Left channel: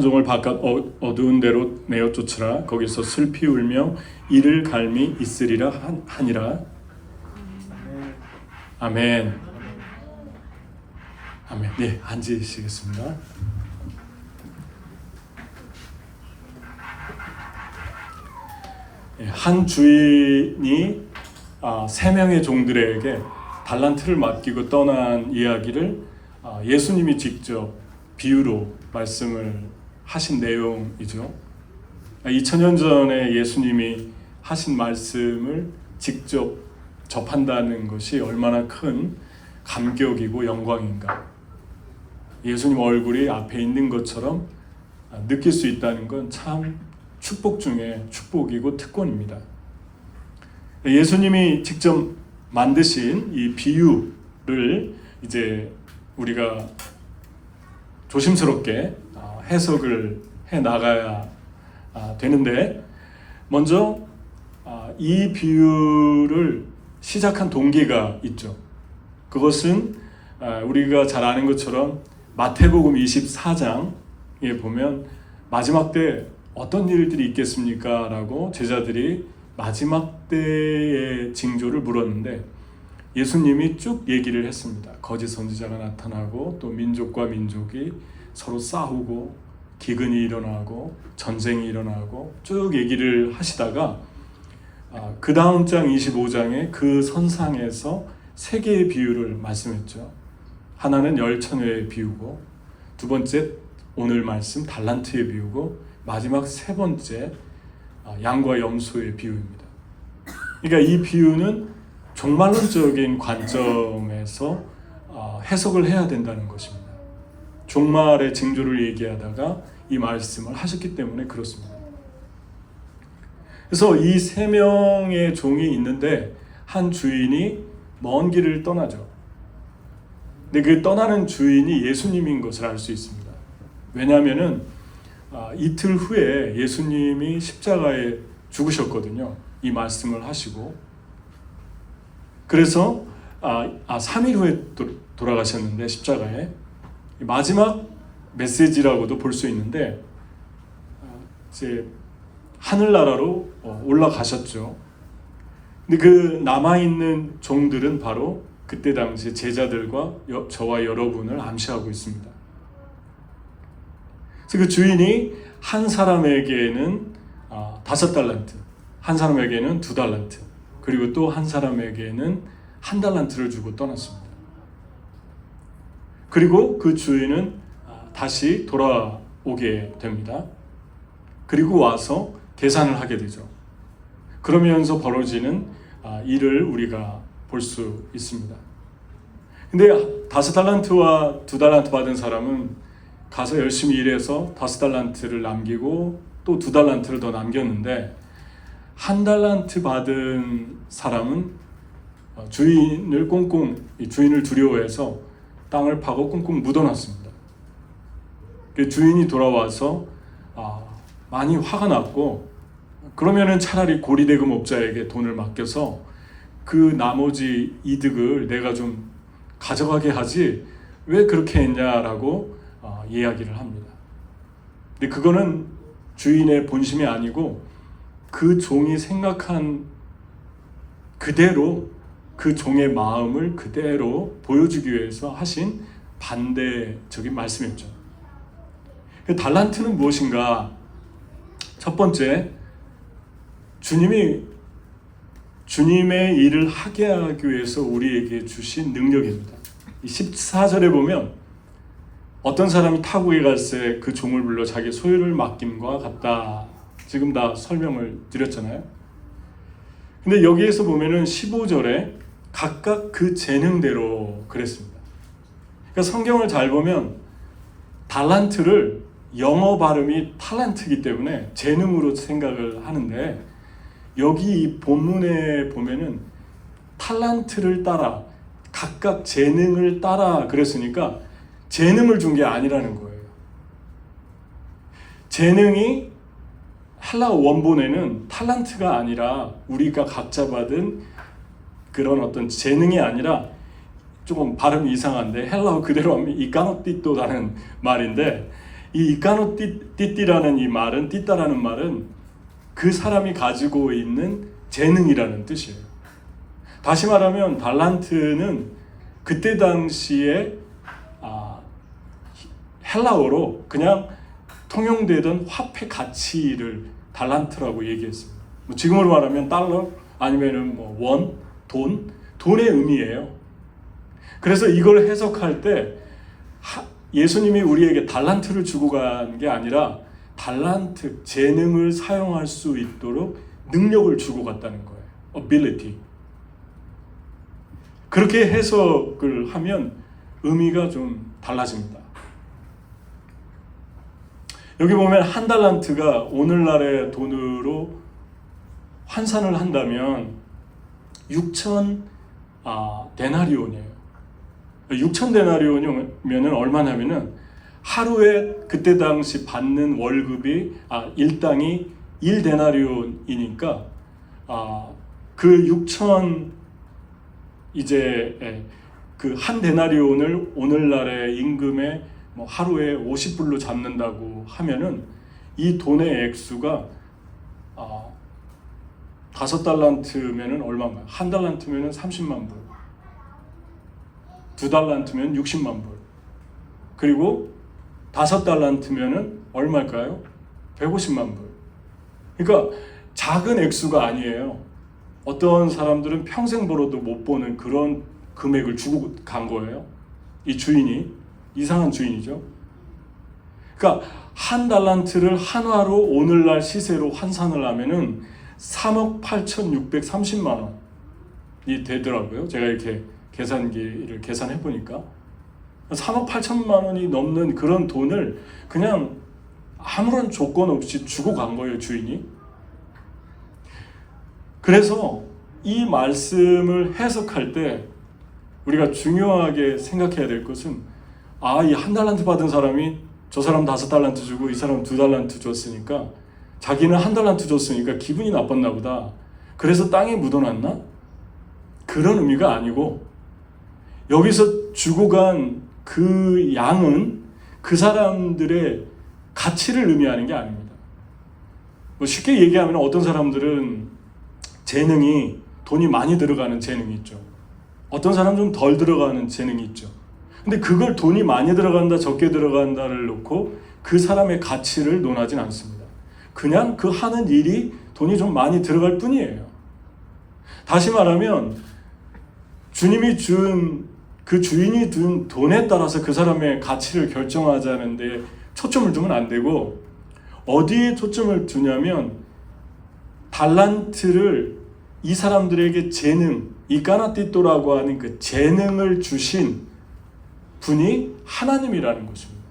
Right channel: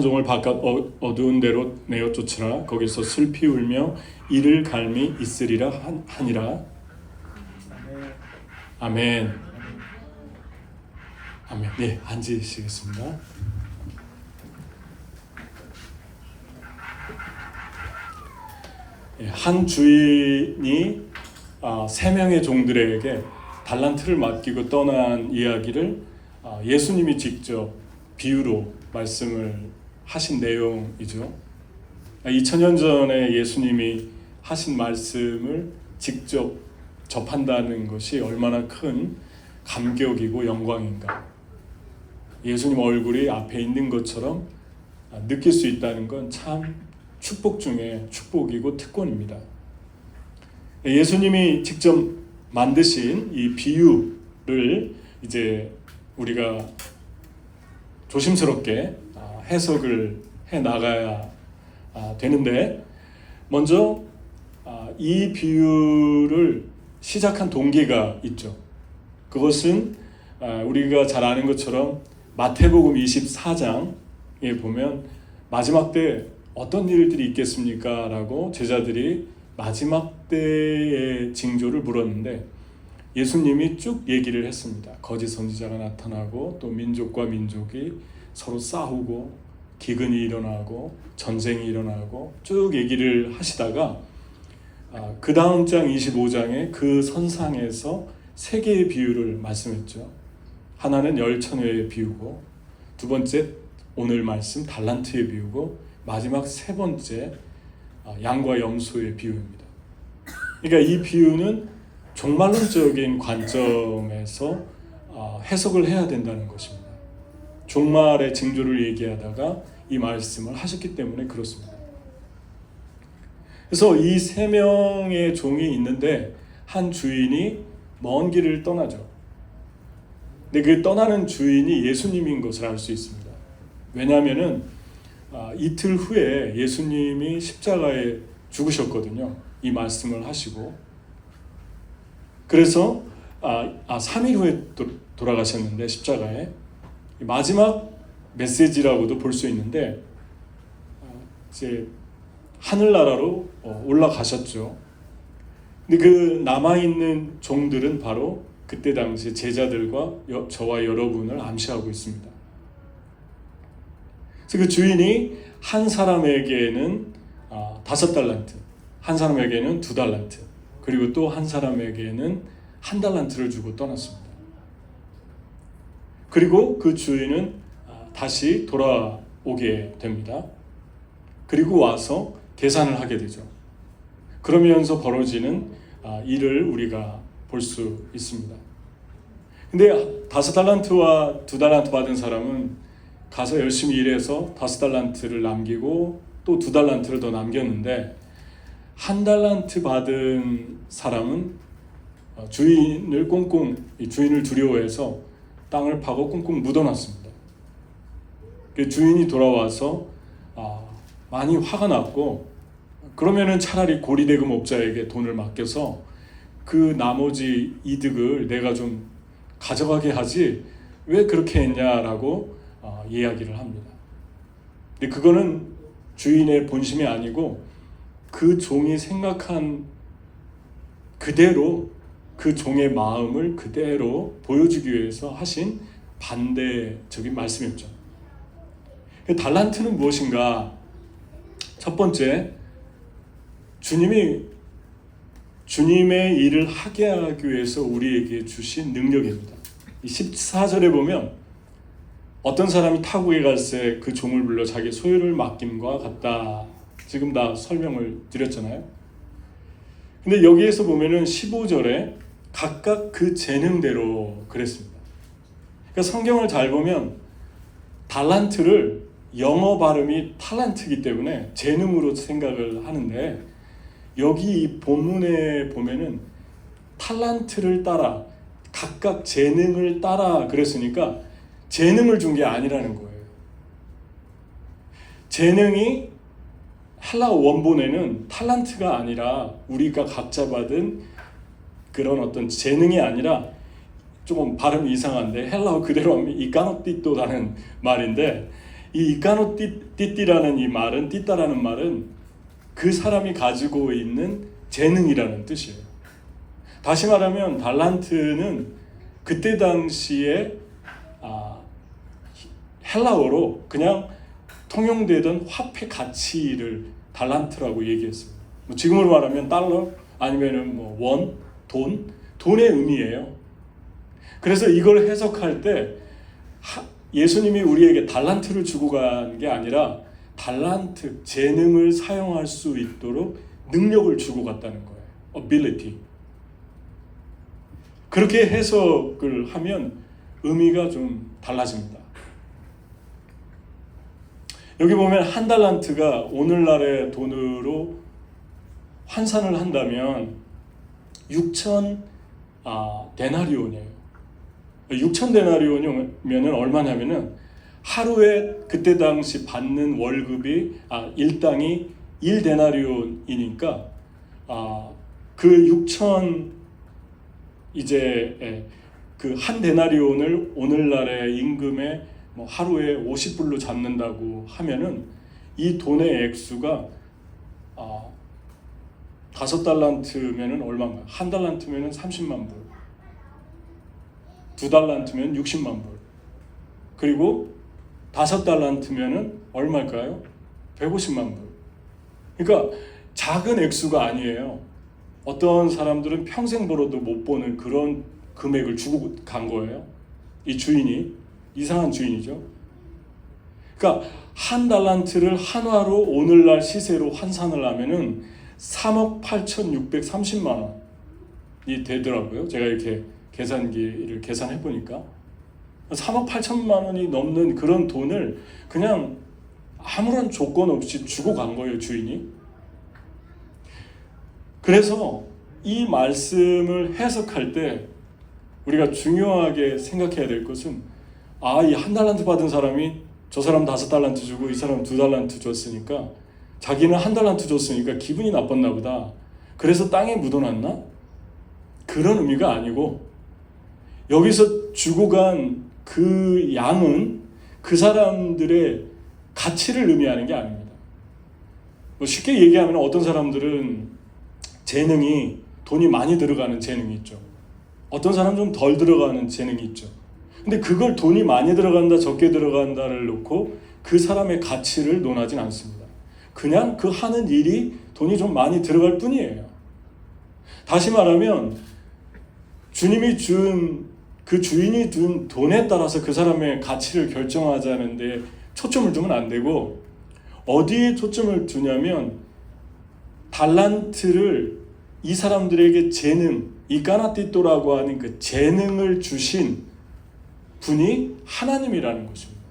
종을 바깥 어두운 데로 내어 쫓으라. 거기서 슬피 울며 이를 갈미 있으리라 하니라. 아멘. 아멘. 네, 앉으시겠습니다. 한 주인이 3명의 종들에게 달란트를 맡기고 떠난 이야기를 예수님이 직접 비유로 말씀을 하신 내용이죠. 2000년 전에 예수님이 하신 말씀을 직접 접한다는 것이 얼마나 큰 감격이고 영광인가. 예수님 얼굴이 앞에 있는 것처럼 느낄 수 있다는 건 참 축복 중에 축복이고 특권입니다. 예수님이 직접 만드신 이 비유를 이제 우리가 조심스럽게 해석을 해 나가야 되는데, 먼저 이 비유를 시작한 동기가 있죠. 그것은 우리가 잘 아는 것처럼 마태복음 24장에 보면 마지막 때 어떤 일들이 있겠습니까? 라고 제자들이 마지막 때의 징조를 물었는데 예수님이 쭉 얘기를 했습니다. 거짓 선지자가 나타나고 또 민족과 민족이 서로 싸우고 기근이 일어나고 전쟁이 일어나고 쭉 얘기를 하시다가 그 다음 장 25장에 그 선상에서 3개의 비유를 말씀했죠. 하나는 열처녀의 비유고, 두 번째 오늘 말씀 달란트의 비유고, 마지막 3번째 양과 염소의 비유입니다. 그러니까 이 비유는 종말론적인 관점에서 해석을 해야 된다는 것입니다. 종말의 징조를 얘기하다가 이 말씀을 하셨기 때문에 그렇습니다. 그래서 이 3명의 종이 있는데 한 주인이 먼 길을 떠나죠. 근데 그 떠나는 주인이 예수님인 것을 알 수 있습니다. 왜냐하면은 이틀 후에 예수님이 십자가에 죽으셨거든요. 이 말씀을 하시고. 그래서 3일 후에 돌아가셨는데 십자가에 마지막 메시지라고도 볼 수 있는데 이제 하늘나라로 올라가셨죠. 근데 그 남아있는 종들은 바로 그때 당시 제자들과 저와 여러분을 암시하고 있습니다. 그래서 그 주인이 한 사람에게는 5달란트, 한 사람에게는 2달란트, 그리고 또 한 사람에게는 1달란트를 주고 떠났습니다. 그리고 그 주인은 다시 돌아오게 됩니다. 그리고 와서 계산을 하게 되죠. 그러면서 벌어지는 일을 우리가 볼 수 있습니다. 근데 5달란트와 2달란트 받은 사람은 가서 열심히 일해서 5달란트를 남기고 또 2달란트를 더 남겼는데, 1달란트 받은 사람은 주인을 두려워해서 땅을 파고 꽁꽁 묻어놨습니다. 주인이 돌아와서 많이 화가 났고, 그러면은 차라리 고리대금업자에게 돈을 맡겨서 그 나머지 이득을 내가 좀 가져가게 하지 왜 그렇게 했냐라고 이야기를 합니다. 근데 그거는 주인의 본심이 아니고 그 종이 생각한 그대로 그 종의 마음을 그대로 보여주기 위해서 하신 반대적인 말씀이었죠. 달란트는 무엇인가? 첫 번째, 주님의 일을 하게 하기 위해서 우리에게 주신 능력입니다. 14절에 보면 어떤 사람이 타국에 갈새 그 종을 불러 자기 소유를 맡김과 같다. 지금 다 설명을 드렸잖아요. 근데 여기에서 보면은 15절에 각각 그 재능대로 그랬습니다. 그러니까 성경을 잘 보면 달란트를 영어 발음이 탈란트이기 때문에 재능으로 생각을 하는데, 여기 이 본문에 보면은 탈란트를 따라 각각 재능을 따라 그랬으니까 재능을 준 게 아니라는 거예요. 재능이 헬라어 원본에는 탈란트가 아니라 우리가 각자 받은 그런 어떤 재능이 아니라, 조금 발음이 이상한데 헬라어 그대로 하면 이까노띠또라는 말인데, 이 이카노 띠띠라는 이 말은, 띠따라는 말은 그 사람이 가지고 있는 재능이라는 뜻이에요. 다시 말하면 달란트는 그때 당시에 헬라어로 그냥 통용되던 화폐 가치를 달란트라고 얘기했습니다. 뭐 지금으로 말하면 달러 아니면은 뭐 원, 돈의 의미예요. 그래서 이걸 해석할 때 예수님이 우리에게 달란트를 주고 간 게 아니라 달란트, 재능을 사용할 수 있도록 능력을 주고 갔다는 거예요. ability. 그렇게 해석을 하면 의미가 좀 달라집니다. 여기 보면 한 달란트가 오늘날의 돈으로 환산을 한다면 6천 데나리온이에요. 6천 데나리온이면 얼마냐면은 하루에 그때 당시 받는 월급이 일당이 1데나리온이니까 그 6천 이제 그 한 데나리온을 오늘날의 임금의 뭐 하루에 50불로 잡는다고 하면은 이 돈의 액수가 5달란트면은 얼마인가요? 한 달란트면은 30만 불, 2달란트면 60만 불, 그리고 5달란트면은 얼마일까요? 150만 불. 그러니까 작은 액수가 아니에요. 어떤 사람들은 평생 벌어도 못 보는 그런 금액을 주고 간 거예요. 이 주인이 이상한 주인이죠. 그러니까 한 달란트를 한화로 오늘날 시세로 환산을 하면은 3억 8,630만 원이 되더라고요. 제가 이렇게 계산기를 계산해 보니까 3억 8천만 원이 넘는 그런 돈을 그냥 아무런 조건 없이 주고 간 거예요, 주인이. 그래서 이 말씀을 해석할 때 우리가 중요하게 생각해야 될 것은 이 한 달란트 받은 사람이 저 사람 5달란트 주고 이 사람 2달란트 줬으니까 자기는 한 달란트 줬으니까 기분이 나빴나 보다. 그래서 땅에 묻어놨나? 그런 의미가 아니고 여기서 주고 간 그 양은 그 사람들의 가치를 의미하는 게 아닙니다. 뭐 쉽게 얘기하면 어떤 사람들은 재능이 돈이 많이 들어가는 재능이 있죠. 어떤 사람은 좀 덜 들어가는 재능이 있죠. 근데 그걸 돈이 많이 들어간다 적게 들어간다를 놓고 그 사람의 가치를 논하진 않습니다. 그냥 그 하는 일이 돈이 좀 많이 들어갈 뿐이에요. 다시 말하면 주님이 준 그 주인이 준 돈에 따라서 그 사람의 가치를 결정하자는데 초점을 두면 안 되고 어디에 초점을 두냐면 달란트를 이 사람들에게 재능, 이까나띠또라고 하는 그 재능을 주신 분이 하나님이라는 것입니다.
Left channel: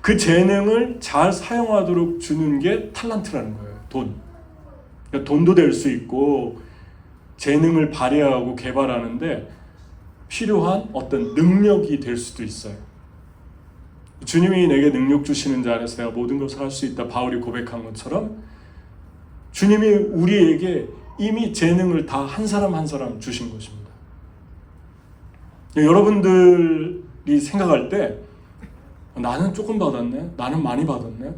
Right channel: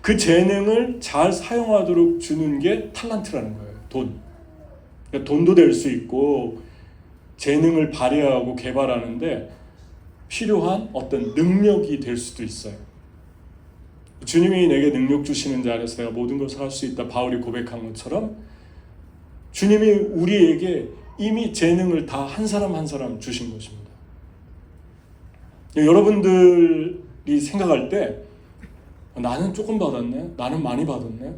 그 재능을 잘 사용하도록 주는 게 탈란트라는 거예요. 돈. 그러니까 돈도 될 수 있고 재능을 발휘하고 개발하는데 필요한 어떤 능력이 될 수도 있어요. 주님이 내게 능력 주시는 자 안에서 내가 모든 것을 할 수 있다. 바울이 고백한 것처럼 주님이 우리에게 이미 재능을 다 한 사람 한 사람 주신 것입니다. 여러분들이 생각할 때 나는 조금 받았네, 나는 많이 받았네,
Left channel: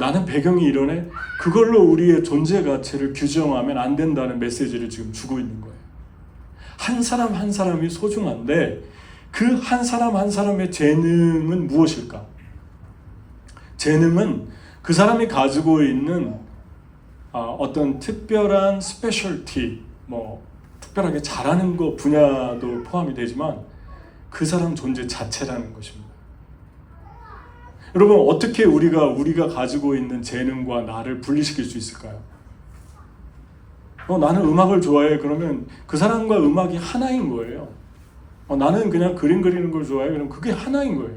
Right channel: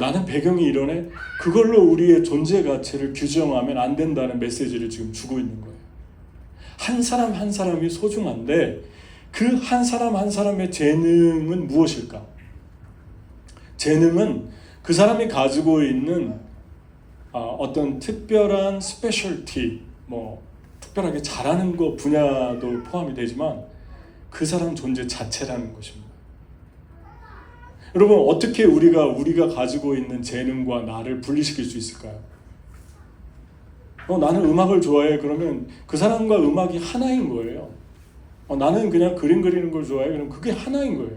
나는 배경이 이러네, 그걸로 우리의 존재 가치를 규정하면 안 된다는 메시지를 지금 주고 있는 거예요. 한 사람 한 사람이 소중한데 그 한 사람 한 사람의 재능은 무엇일까? 재능은 그 사람이 가지고 있는 어떤 특별한 스페셜티, 뭐 특별하게 잘하는 거 분야도 포함이 되지만 그 사람 존재 자체라는 것입니다. 여러분, 어떻게 우리가 가지고 있는 재능과 나를 분리시킬 수 있을까요? 나는 음악을 좋아해. 그러면 그 사람과 음악이 하나인 거예요. 나는 그냥 그림 그리는 걸 좋아해. 그럼 그게 하나인 거예요.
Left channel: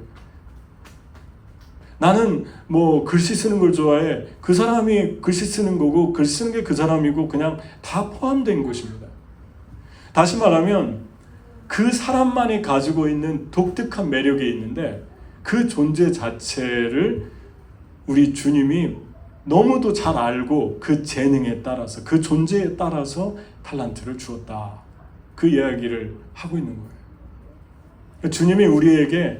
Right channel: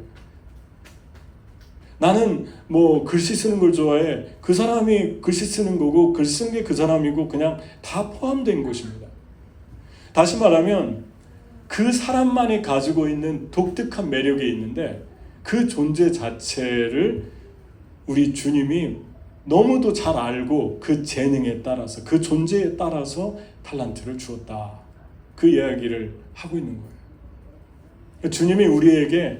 나는 뭐 글씨 쓰는 걸 좋아해. 그 사람이 글씨 쓰는 거고 글 쓰는 게 그 사람이고 그냥 다 포함된 것입니다. 다시 말하면 그 사람만이 가지고 있는 독특한 매력이 있는데 그 존재 자체를 우리 주님이 너무도 잘 알고 그 재능에 따라서 그 존재에 따라서 탈란트를 주었다. 그 이야기를 하고 있는 거예요. 주님이 우리에게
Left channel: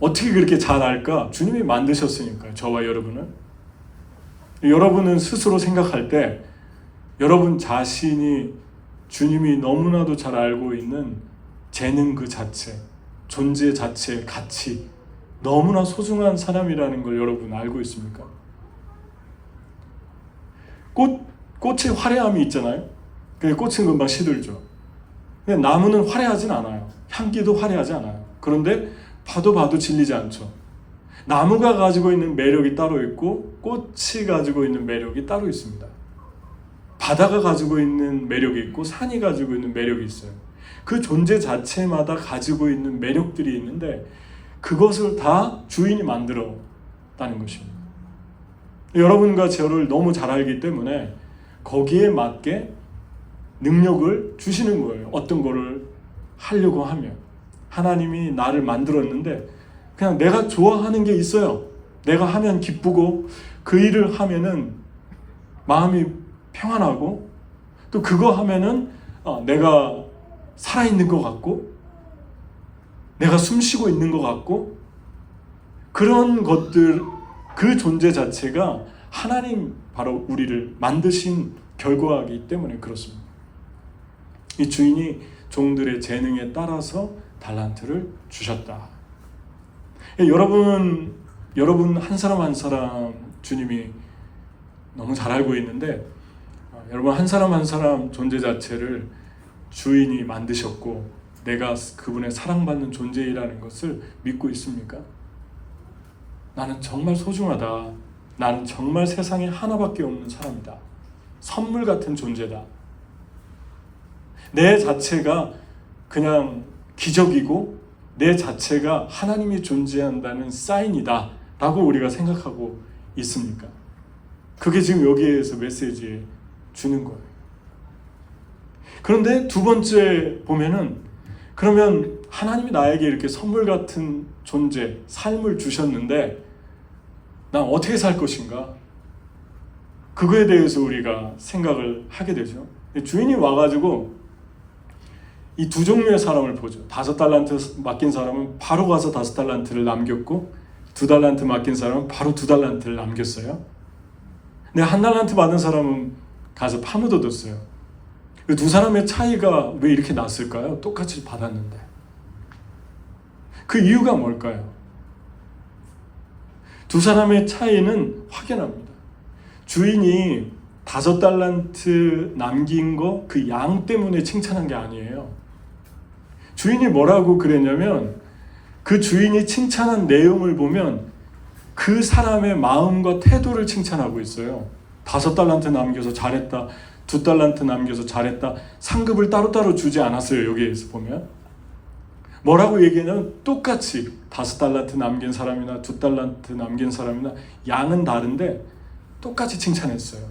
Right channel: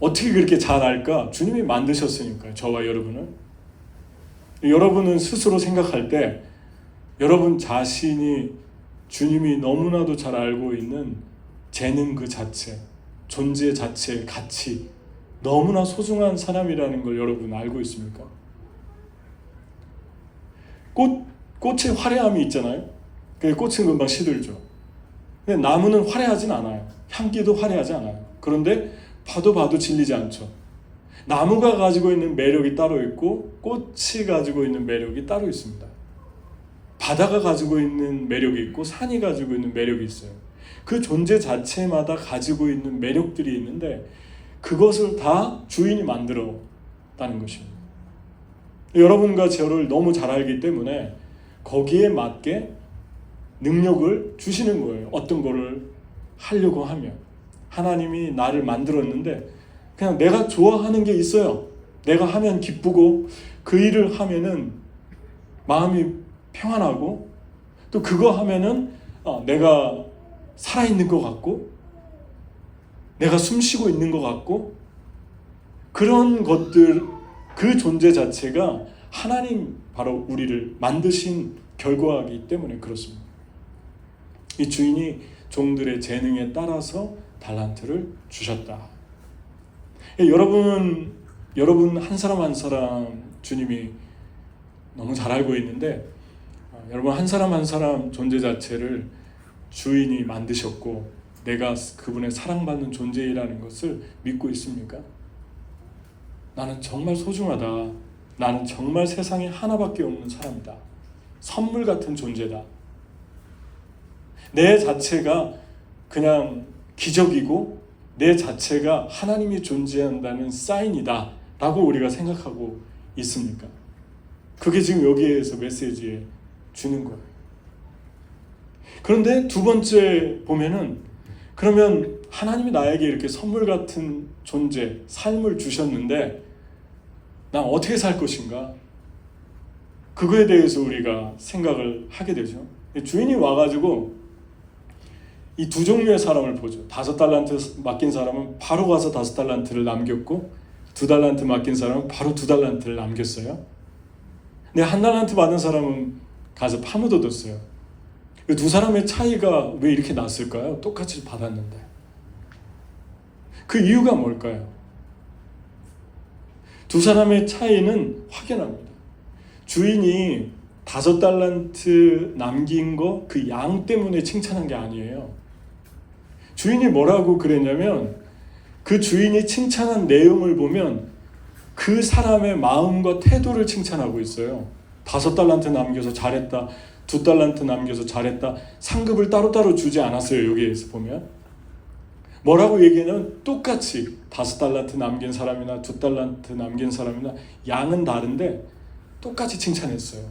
어떻게 그렇게 잘 알까? 주님이 만드셨으니까요. 저와 여러분은. 여러분은 스스로 생각할 때 여러분 자신이 주님이 너무나도 잘 알고 있는 재능 그 자체, 존재 자체의 가치, 너무나 소중한 사람이라는 걸 여러분 알고 있습니까? 꽃의 화려함이 있잖아요. 근데 꽃은 금방 시들죠. 근데 나무는 화려하진 않아요. 향기도 화려하지 않아요. 그런데 봐도 질리지 않죠. 나무가 가지고 있는 매력이 따로 있고 꽃이 가지고 있는 매력이 따로 있습니다. 바다가 가지고 있는 매력이 있고 산이 가지고 있는 매력이 있어요. 그 존재 자체마다 가지고 있는 매력들이 있는데 그것을 다 주인이 만들었다는 것입니다. 여러분과 저를 너무 잘 알기 때문에 거기에 맞게 능력을 주시는 거예요. 어떤 거를 하려고 하면. 하나님이 나를 만들었는데 그냥 내가 좋아하는 게 있어요. 내가 하면 기쁘고 그 일을 하면은 마음이 평안하고 또 그거 하면은 내가 살아있는 것 같고 내가 숨쉬고 있는 것 같고 그런 것들 그 존재 자체가 하나님 바로 우리를 만드신 결과이기 때문에 그렇습니다. 이 주인이 종들의 재능에 따라서 달란트를 주셨다. 여러분 한 사람 한 사람 주님이 너무 잘 알고 있는데 여러분 한 사람 존재 자체를 주인이 만드셨고 내가 그분의 사랑받는 존재이라는 것을 믿고 있습니까? 나는 정말 소중하다. 나는 정말 세상에 하나밖에 없는 사람이다. 선물 같은 존재다. 내 자체가 그냥 기적이고 내 자체가 하나님이 존재한다는 사인이다 라고 우리가 생각하고 있습니까? 그게 지금 여기에서 메시지에 주는 거예요. 그런데 두 번째 보면은 그러면 하나님이 나에게 이렇게 선물 같은 존재, 삶을 주셨는데 난 어떻게 살 것인가? 그거에 대해서 우리가 생각을 하게 되죠. 주인이 와가지고 이 두 종류의 사람을 보죠. 5달란트 맡긴 사람은 바로 가서 5달란트를 남겼고 2달란트 맡긴 사람은 바로 2달란트를 남겼어요. 근데 1달란트 받은 사람은 가서 파묻어뒀어요. 그 두 사람의 차이가 왜 이렇게 났을까요? 똑같이 받았는데. 그 이유가 뭘까요? 두 사람의 차이는 확연합니다. 주인이 5달란트 남긴 거 그 양 때문에 칭찬한 게 아니에요. 주인이 뭐라고 그랬냐면 그 주인이 칭찬한 내용을 보면 그 사람의 마음과 태도를 칭찬하고 있어요. 5달란트 남겨서 잘했다. 2달란트 남겨서 잘했다. 상급을 따로따로 주지 않았어요. 여기에서 보면. 뭐라고 얘기하냐면 똑같이 5달란트 남긴 사람이나 2달란트 남긴 사람이나 양은 다른데 똑같이 칭찬했어요.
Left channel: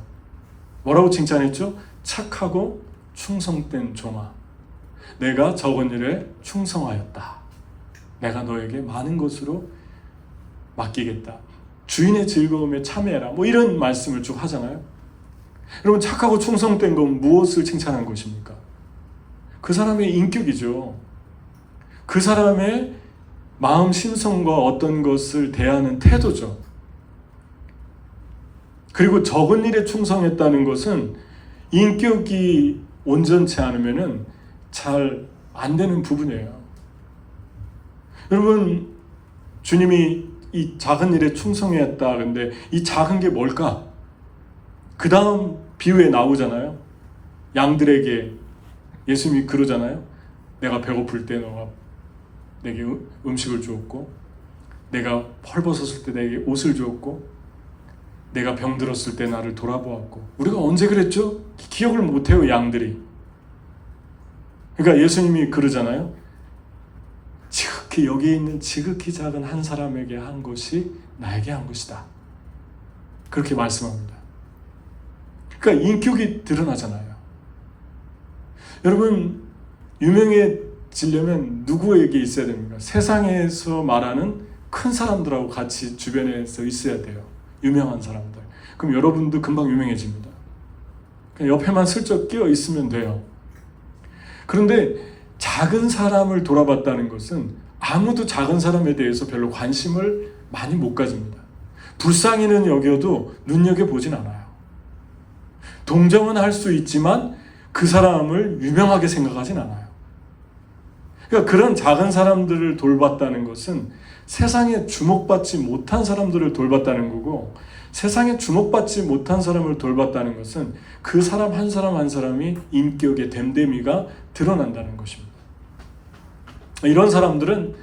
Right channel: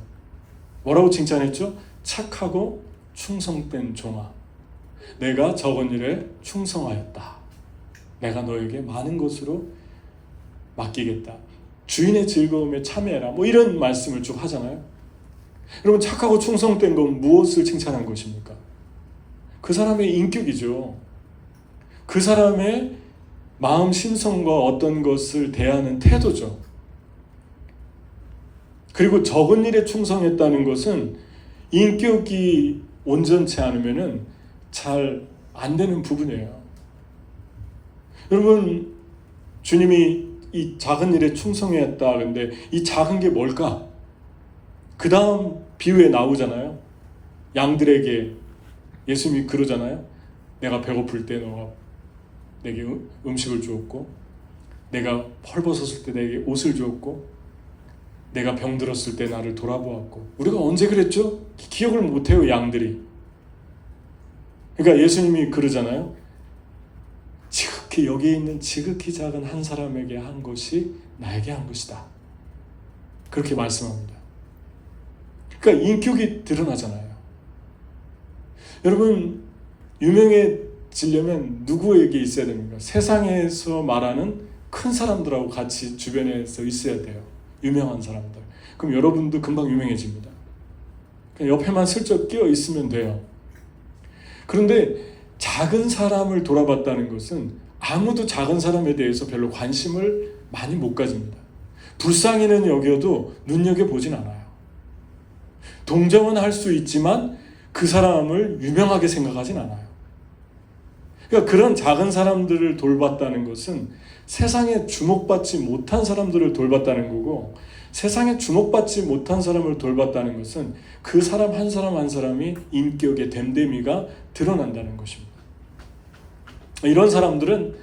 뭐라고 칭찬했죠? 착하고 충성된 종아. 내가 적은 일에 충성하였다. 내가 너에게 많은 것으로 맡기겠다. 주인의 즐거움에 참여해라. 뭐 이런 말씀을 쭉 하잖아요. 여러분 착하고 충성된 건 무엇을 칭찬한 것입니까? 그 사람의 인격이죠. 그 사람의 마음 심성과 어떤 것을 대하는 태도죠. 그리고 적은 일에 충성했다는 것은 인격이 온전치 않으면은 잘 안 되는 부분이에요. 여러분 주님이 이 작은 일에 충성했다. 근데 이 작은 게 뭘까? 그 다음 비유에 나오잖아요. 양들에게 예수님이 그러잖아요. 내가 배고플 때 너가 내게 음식을 주었고 내가 펄벗었을 때 내게 옷을 주었고 내가 병들었을 때 나를 돌아보았고 우리가 언제 그랬죠? 기억을 못해요. 양들이. 그러니까 예수님이 그러잖아요. 지극히 여기 있는 지극히 작은 한 사람에게 한 것이 나에게 한 것이다. 그렇게 말씀합니다. 그러니까 인격이 드러나잖아요. 여러분 유명해지려면 누구에게 있어야 됩니까? 세상에서 말하는 큰 사람들하고 같이 주변에서 있어야 돼요. 유명한 사람들. 그럼 여러분도 금방 유명해집니다. 그냥 옆에만 슬쩍 끼어 있으면 돼요. 그런데 작은 사람을 돌아봤다는 것은 아무도 작은 사람에 대해서 별로 관심을 많이 못 가집니다. 불쌍히는 여겨도 눈여겨보진 않아요. 동정은 할 수 있지만 그 사람을 유명하게 생각하진 않아요. 그러니까 그런 작은 사람들을 돌봤다는 것은 세상에 주목받지 못한 사람들을 돌봤다는 거고, 세상에 주목받지 못한 사람을 돌봤다는 것은 그 사람 한 사람 한 사람이 인격의 됨됨이가 드러난다는 것입니다. 이런 사람들은,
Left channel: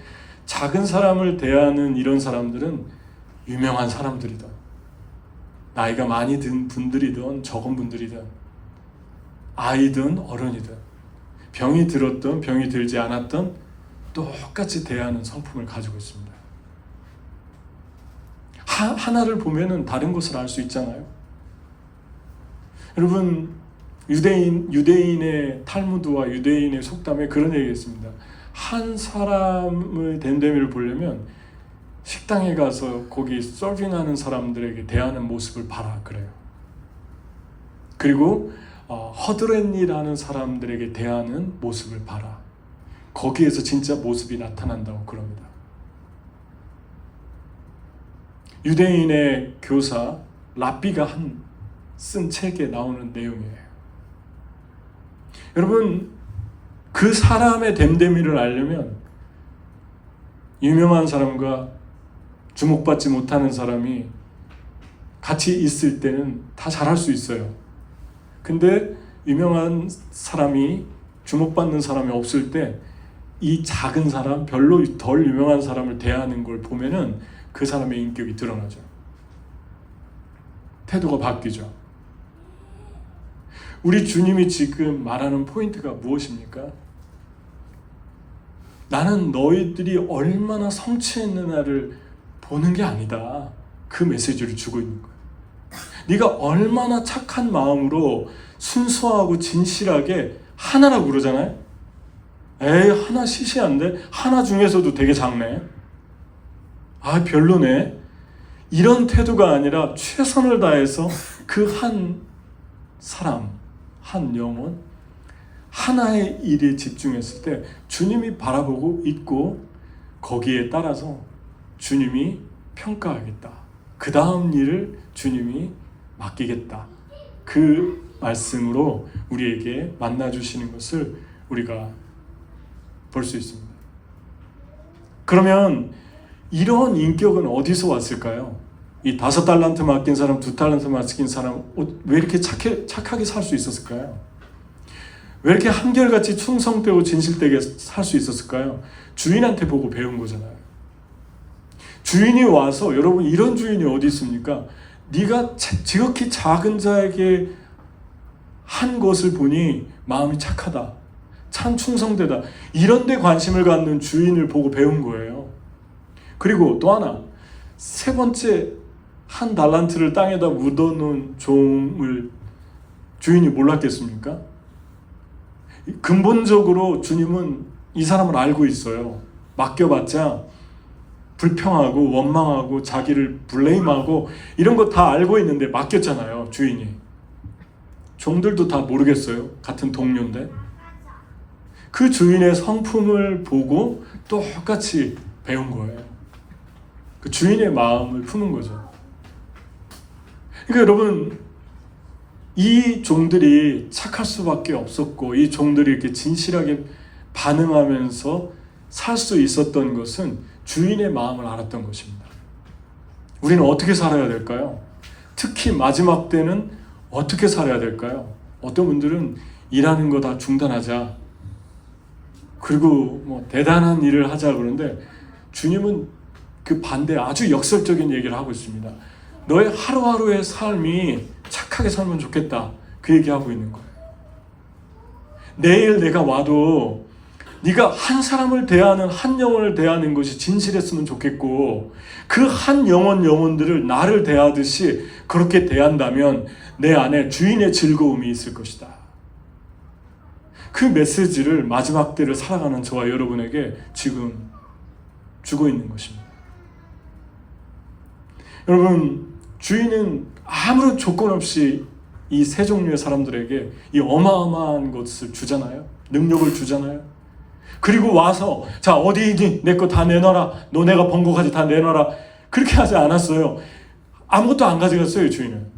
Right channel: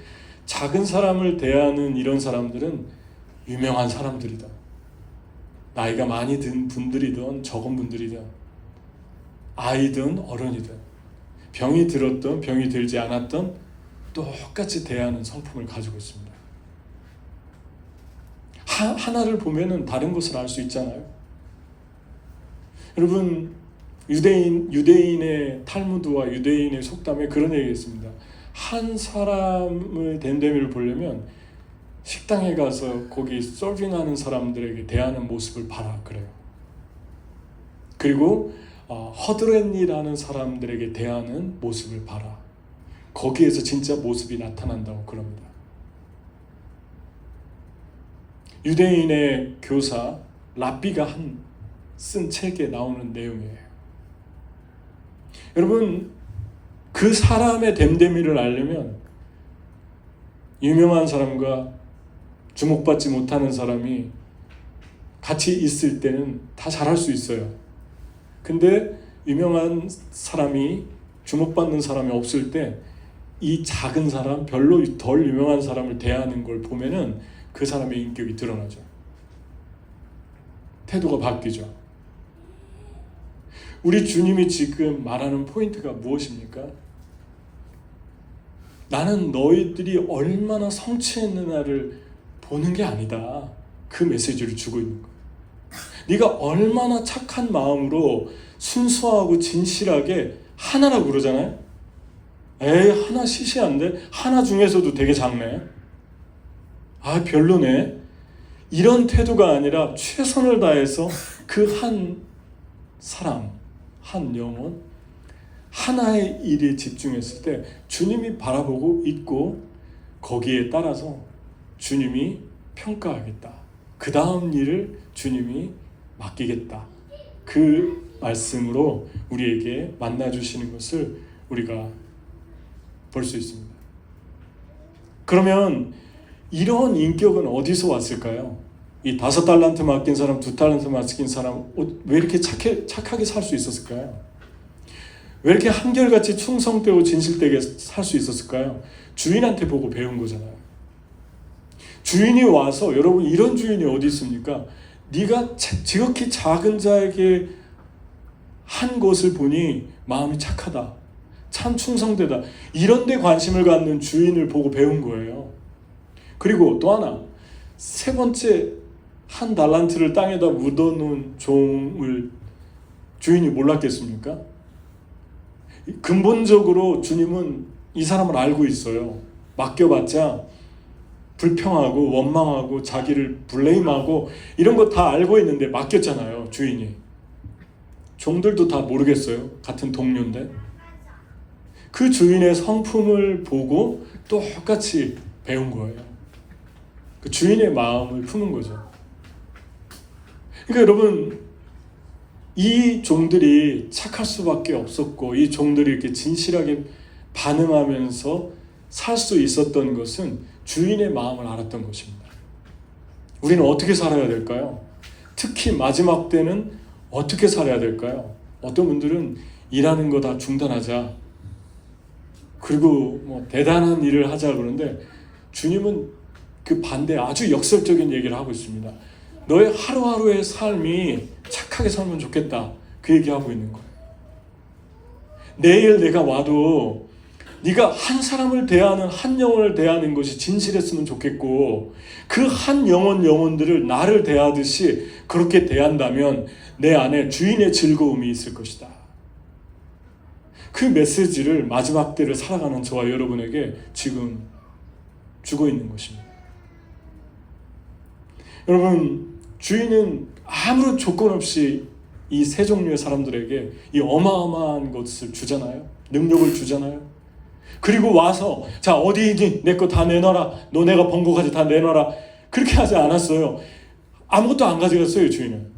작은 사람을 대하는 이런 사람들은 유명한 사람들이다. 나이가 많이 든 분들이든 적은 분들이든, 아이든 어른이든, 병이 들었든 병이 들지 않았든 똑같이 대하는 성품을 가지고 있습니다. 하나를 보면은 다른 것을 알 수 있잖아요. 여러분, 유대인의 탈무드와 유대인의 속담에 그런 얘기가 있습니다. 한 사람의 됨됨이를 보려면 식당에 가서 거기 서빙하는 사람들에게 대하는 모습을 봐라 그래요. 그리고 허드렛일하는 사람들에게 대하는 모습을 봐라. 거기에서 진짜 모습이 나타난다고 그럽니다. 유대인의 교사 랍비가 쓴 책에 나오는 내용이에요. 여러분, 그 사람의 됨됨이를 알려면 유명한 사람과 주목받지 못하는 사람이 같이 있을 때는 다 잘할 수 있어요. 근데 유명한 사람이 주목받는 사람이 없을 때 이 작은 사람, 별로 덜 유명한 사람을 대하는 걸 보면은 그 사람의 인격이 드러나죠. 태도가 바뀌죠. 우리 주님이 지금 말하는 포인트가 무엇입니까? 나는 너희들이 얼마나 성취했느냐를 보는 게 아니다. 그 메시지를 주고 있는 거예요. 네가 얼마나 착한 마음으로 순수하고 진실하게 하나라고 그러잖아요. 에이, 하나 시시한데? 하나 중에서도 되게 작네. 아, 별로네. 이런 태도가 아니라 최선을 다해서 그 한 사람, 한 영혼, 하나의 일에 집중했을 때 주님이 바라보고 있고, 거기에 따라서 주님이 평가하겠다. 그 다음 일을 주님이 맡기겠다. 그 말씀으로 우리에게 만나주시는 것을 우리가 볼 수 있습니다. 그러면 이런 인격은 어디서 왔을까요? 이 5달란트 맡긴 사람, 2달란트 맡긴 사람, 왜 이렇게 착하게 살 수 있었을까요? 왜 이렇게 한결같이 충성되고 진실되게 살 수 있었을까요? 주인한테 보고 배운 거잖아요. 주인이 와서, 여러분, 이런 주인이 어디 있습니까? 네가 지극히 작은 자에게 한 것을 보니 마음이 착하다, 참 충성되다, 이런 데 관심을 갖는 주인을 보고 배운 거예요. 그리고 또 하나, 세 번째, 1달란트를 땅에다 묻어놓은 종을 주인이 몰랐겠습니까? 근본적으로 주님은 이 사람을 알고 있어요. 맡겨봤자 불평하고 원망하고 자기를 블레임하고 이런 거 다 알고 있는데 맡겼잖아요, 주인이. 종들도 다 모르겠어요. 같은 동료인데. 그 주인의 성품을 보고 똑같이 배운 거예요. 그 주인의 마음을 푸는 거죠. 그러니까 여러분, 이 종들이 착할 수밖에 없었고, 이 종들이 이렇게 진실하게 반응하면서 살 수 있었던 것은 주인의 마음을 알았던 것입니다. 우리는 어떻게 살아야 될까요? 특히 마지막 때는 어떻게 살아야 될까요? 어떤 분들은 일하는 거 다 중단하자, 그리고 뭐 대단한 일을 하자 그러는데, 주님은 그 반대 아주 역설적인 얘기를 하고 있습니다. 너의 하루하루의 삶이 착하게 살면 좋겠다, 그 얘기하고 있는 거예요. 내일 내가 와도 네가 한 사람을 대하는, 한 영혼을 대하는 것이 진실했으면 좋겠고, 그 한 영혼들을 나를 대하듯이 그렇게 대한다면 내 안에 주인의 즐거움이 있을 것이다. 그 메시지를 마지막 때를 살아가는 저와 여러분에게 지금 주고 있는 것입니다. 여러분, 주인은 아무런 조건 없이 이 세 종류의 사람들에게 이 어마어마한 것을 주잖아요. 능력을 주잖아요. 그리고 와서 자 어디 있니? 내 거 다 내놔라. 너네가 번 거까지 다 내놔라. 그렇게 하지 않았어요. 아무것도 안 가져갔어요. 주인은.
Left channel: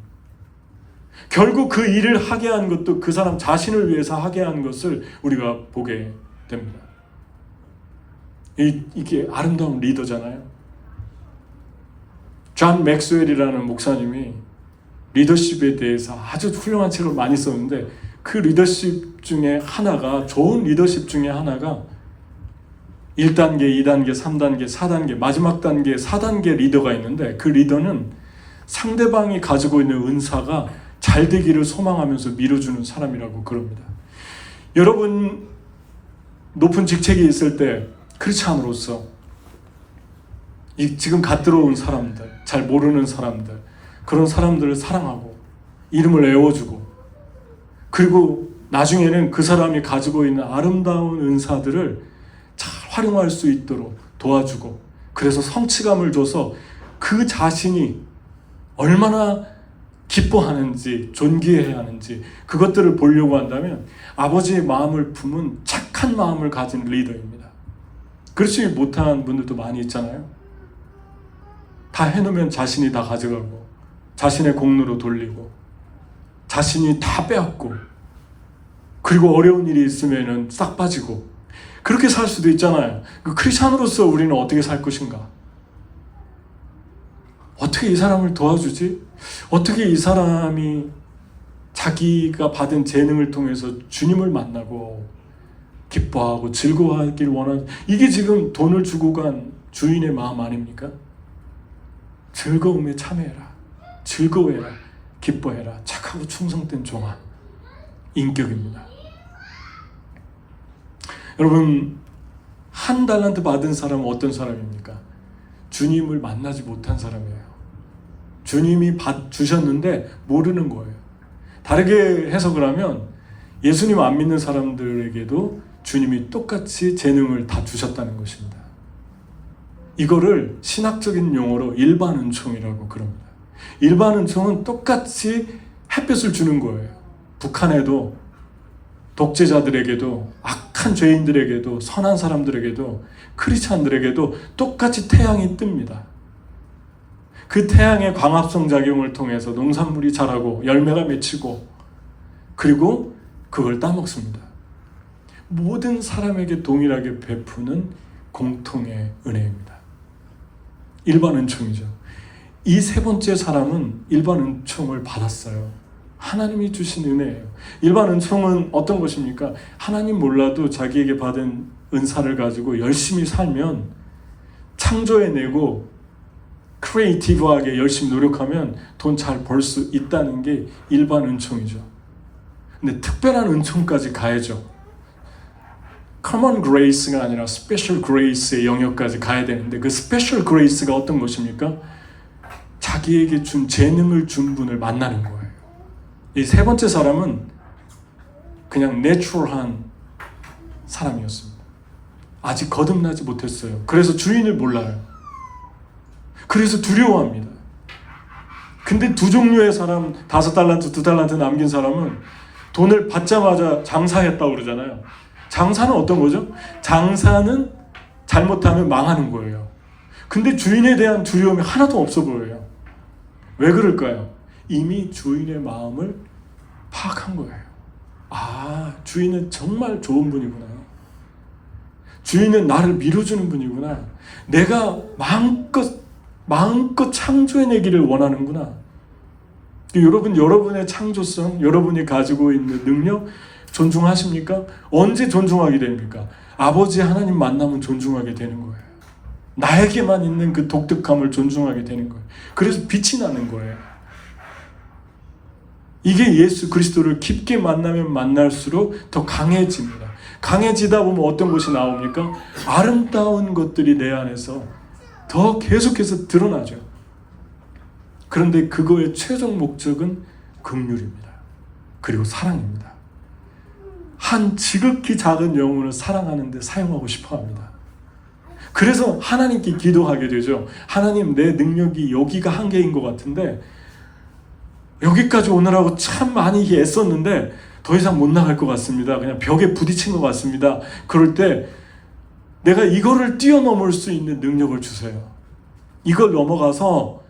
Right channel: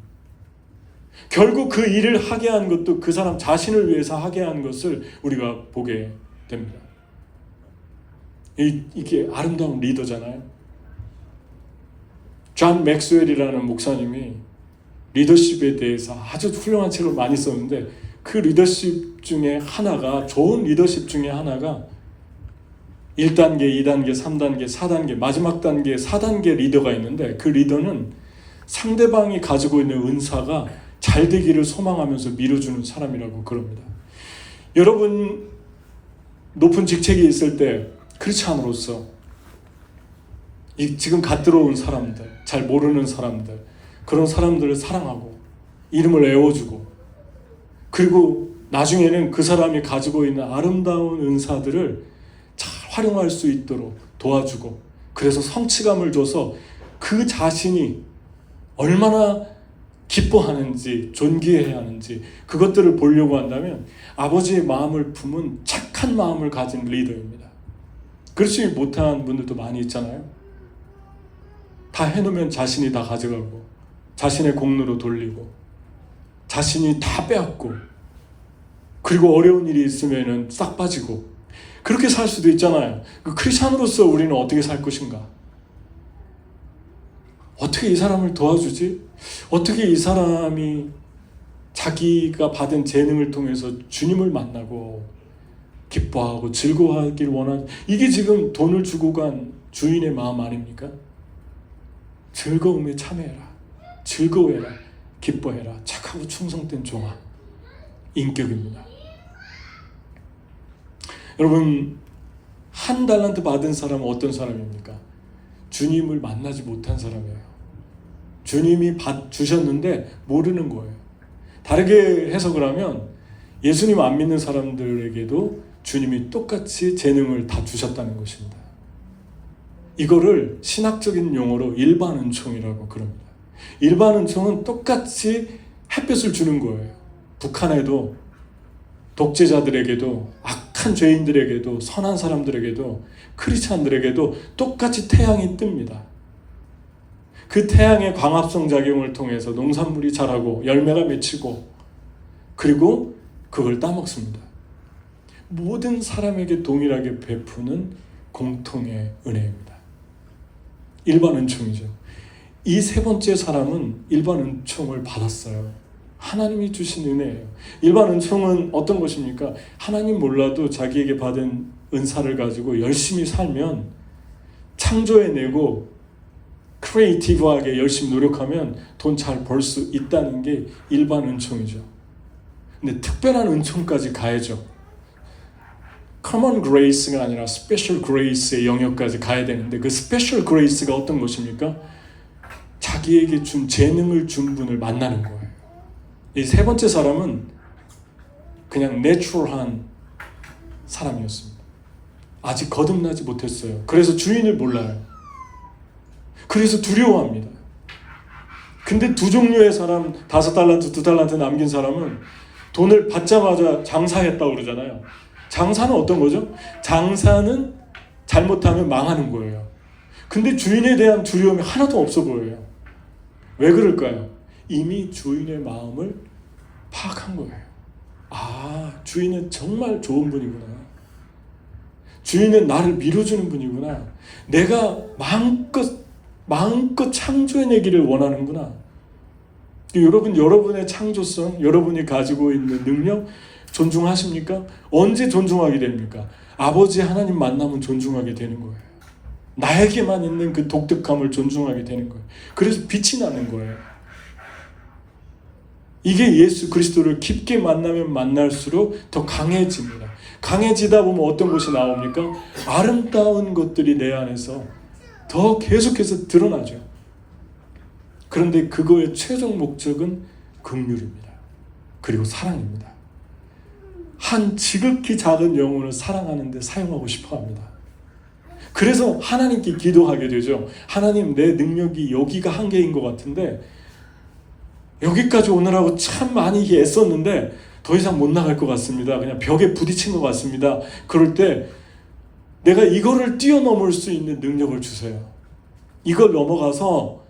결국 그 일을 하게 한 것도 그 사람 자신을 위해서 하게 한 것을 우리가 보게 됩니다. 이게 아름다운 리더잖아요. 존 맥스웰이라는 목사님이 리더십에 대해서 아주 훌륭한 책을 많이 썼는데 그 리더십 중에 하나가, 좋은 리더십 중에 하나가 1단계, 2단계, 3단계, 4단계, 마지막 단계 4단계 리더가 있는데, 그 리더는 상대방이 가지고 있는 은사가 잘 되기를 소망하면서 밀어주는 사람이라고 그럽니다. 여러분 높은 직책에 있을 때 크리스찬으로서 지금 갓 들어온 사람들, 잘 모르는 사람들, 그런 사람들을 사랑하고 이름을 애워주고, 그리고 나중에는 그 사람이 가지고 있는 아름다운 은사들을 잘 활용할 수 있도록 도와주고, 그래서 성취감을 줘서 그 자신이 얼마나 기뻐하는지, 존귀해야 하는지 그것들을 보려고 한다면 아버지의 마음을 품은 착한 마음을 가진 리더입니다. 그렇지 못한 분들도 많이 있잖아요. 다 해놓으면 자신이 다 가져가고, 자신의 공로로 돌리고, 자신이 다 빼앗고, 그리고 어려운 일이 있으면 싹 빠지고, 그렇게 살 수도 있잖아요. 그 크리스찬으로서 우리는 어떻게 살 것인가? 어떻게 이 사람을 도와주지? 어떻게 이 사람이 자기가 받은 재능을 통해서 주님을 만나고 기뻐하고 즐거워하길 원하는, 이게 지금 돈을 주고 간 주인의 마음 아닙니까? 즐거움에 참여해라, 즐거워해라, 기뻐해라, 착하고 충성된 종아, 인격입니다. 여러분, 한 달란트 받은 사람은 어떤 사람입니까? 주님을 만나지 못한 사람이에요. 주님이 주셨는데 모르는 거예요. 다르게 해석을 하면 예수님 안 믿는 사람들에게도 주님이 똑같이 재능을 다 주셨다는 것입니다. 이거를 신학적인 용어로 일반 은총이라고 그럽니다. 일반 은총은 똑같이 햇볕을 주는 거예요. 북한에도, 독재자들에게도, 악한 죄인들에게도, 선한 사람들에게도, 크리스찬들에게도 똑같이 태양이 뜹니다. 그 태양의 광합성 작용을 통해서 농산물이 자라고 열매가 맺히고, 그리고 그걸 따먹습니다. 모든 사람에게 동일하게 베푸는 공통의 은혜입니다. 일반 은총이죠. 이 세 번째 사람은 일반 은총을 받았어요. 하나님이 주신 은혜예요. 일반 은총은 어떤 것입니까? 하나님 몰라도 자기에게 받은 은사를 가지고 열심히 살면, 창조해내고 크리에이티브하게 열심히 노력하면 돈 잘 벌 수 있다는 게 일반 은총이죠. 근데 특별한 은총까지 가야죠. common grace가 아니라 special grace의 영역까지 가야 되는데, 그 special grace가 어떤 것입니까? 자기에게 준 재능을 준 분을 만나는 거예요. 이 세 번째 사람은 그냥 내추럴한 사람이었습니다. 아직 거듭나지 못했어요. 그래서 주인을 몰라요. 그래서 두려워합니다. 근데 두 종류의 사람, 5달란트, 2달란트 남긴 사람은 돈을 받자마자 장사했다고 그러잖아요. 장사는 어떤 거죠? 장사는 잘못하면 망하는 거예요. 근데 주인에 대한 두려움이 하나도 없어 보여요. 왜 그럴까요? 이미 주인의 마음을 파악한 거예요. 아, 주인은 정말 좋은 분이구나. 주인은 나를 밀어주는 분이구나. 내가 마음껏 창조해내기를 원하는구나. 여러분, 여러분의 창조성, 여러분이 가지고 있는 능력 존중하십니까? 언제 존중하게 됩니까? 아버지 하나님 만나면 존중하게 되는 거예요. 나에게만 있는 그 독특함을 존중하게 되는 거예요. 그래서 빛이 나는 거예요. 이게 예수 그리스도를 깊게 만나면 만날수록 더 강해집니다. 강해지다 보면 어떤 것이 나옵니까? 아름다운 것들이 내 안에서 더 계속해서 드러나죠. 그런데 그거의 최종 목적은 긍휼입니다. 그리고 사랑입니다. 한 지극히 작은 영혼을 사랑하는 데 사용하고 싶어 합니다. 그래서 하나님께 기도하게 되죠. 하나님, 내 능력이 여기가 한계인 것 같은데 여기까지 오느라고 참 많이 애썼는데 더 이상 못 나갈 것 같습니다. 그냥 벽에 부딪힌 것 같습니다. 그럴 때 내가 이거를 뛰어넘을 수 있는 능력을 주세요. 이걸 넘어가서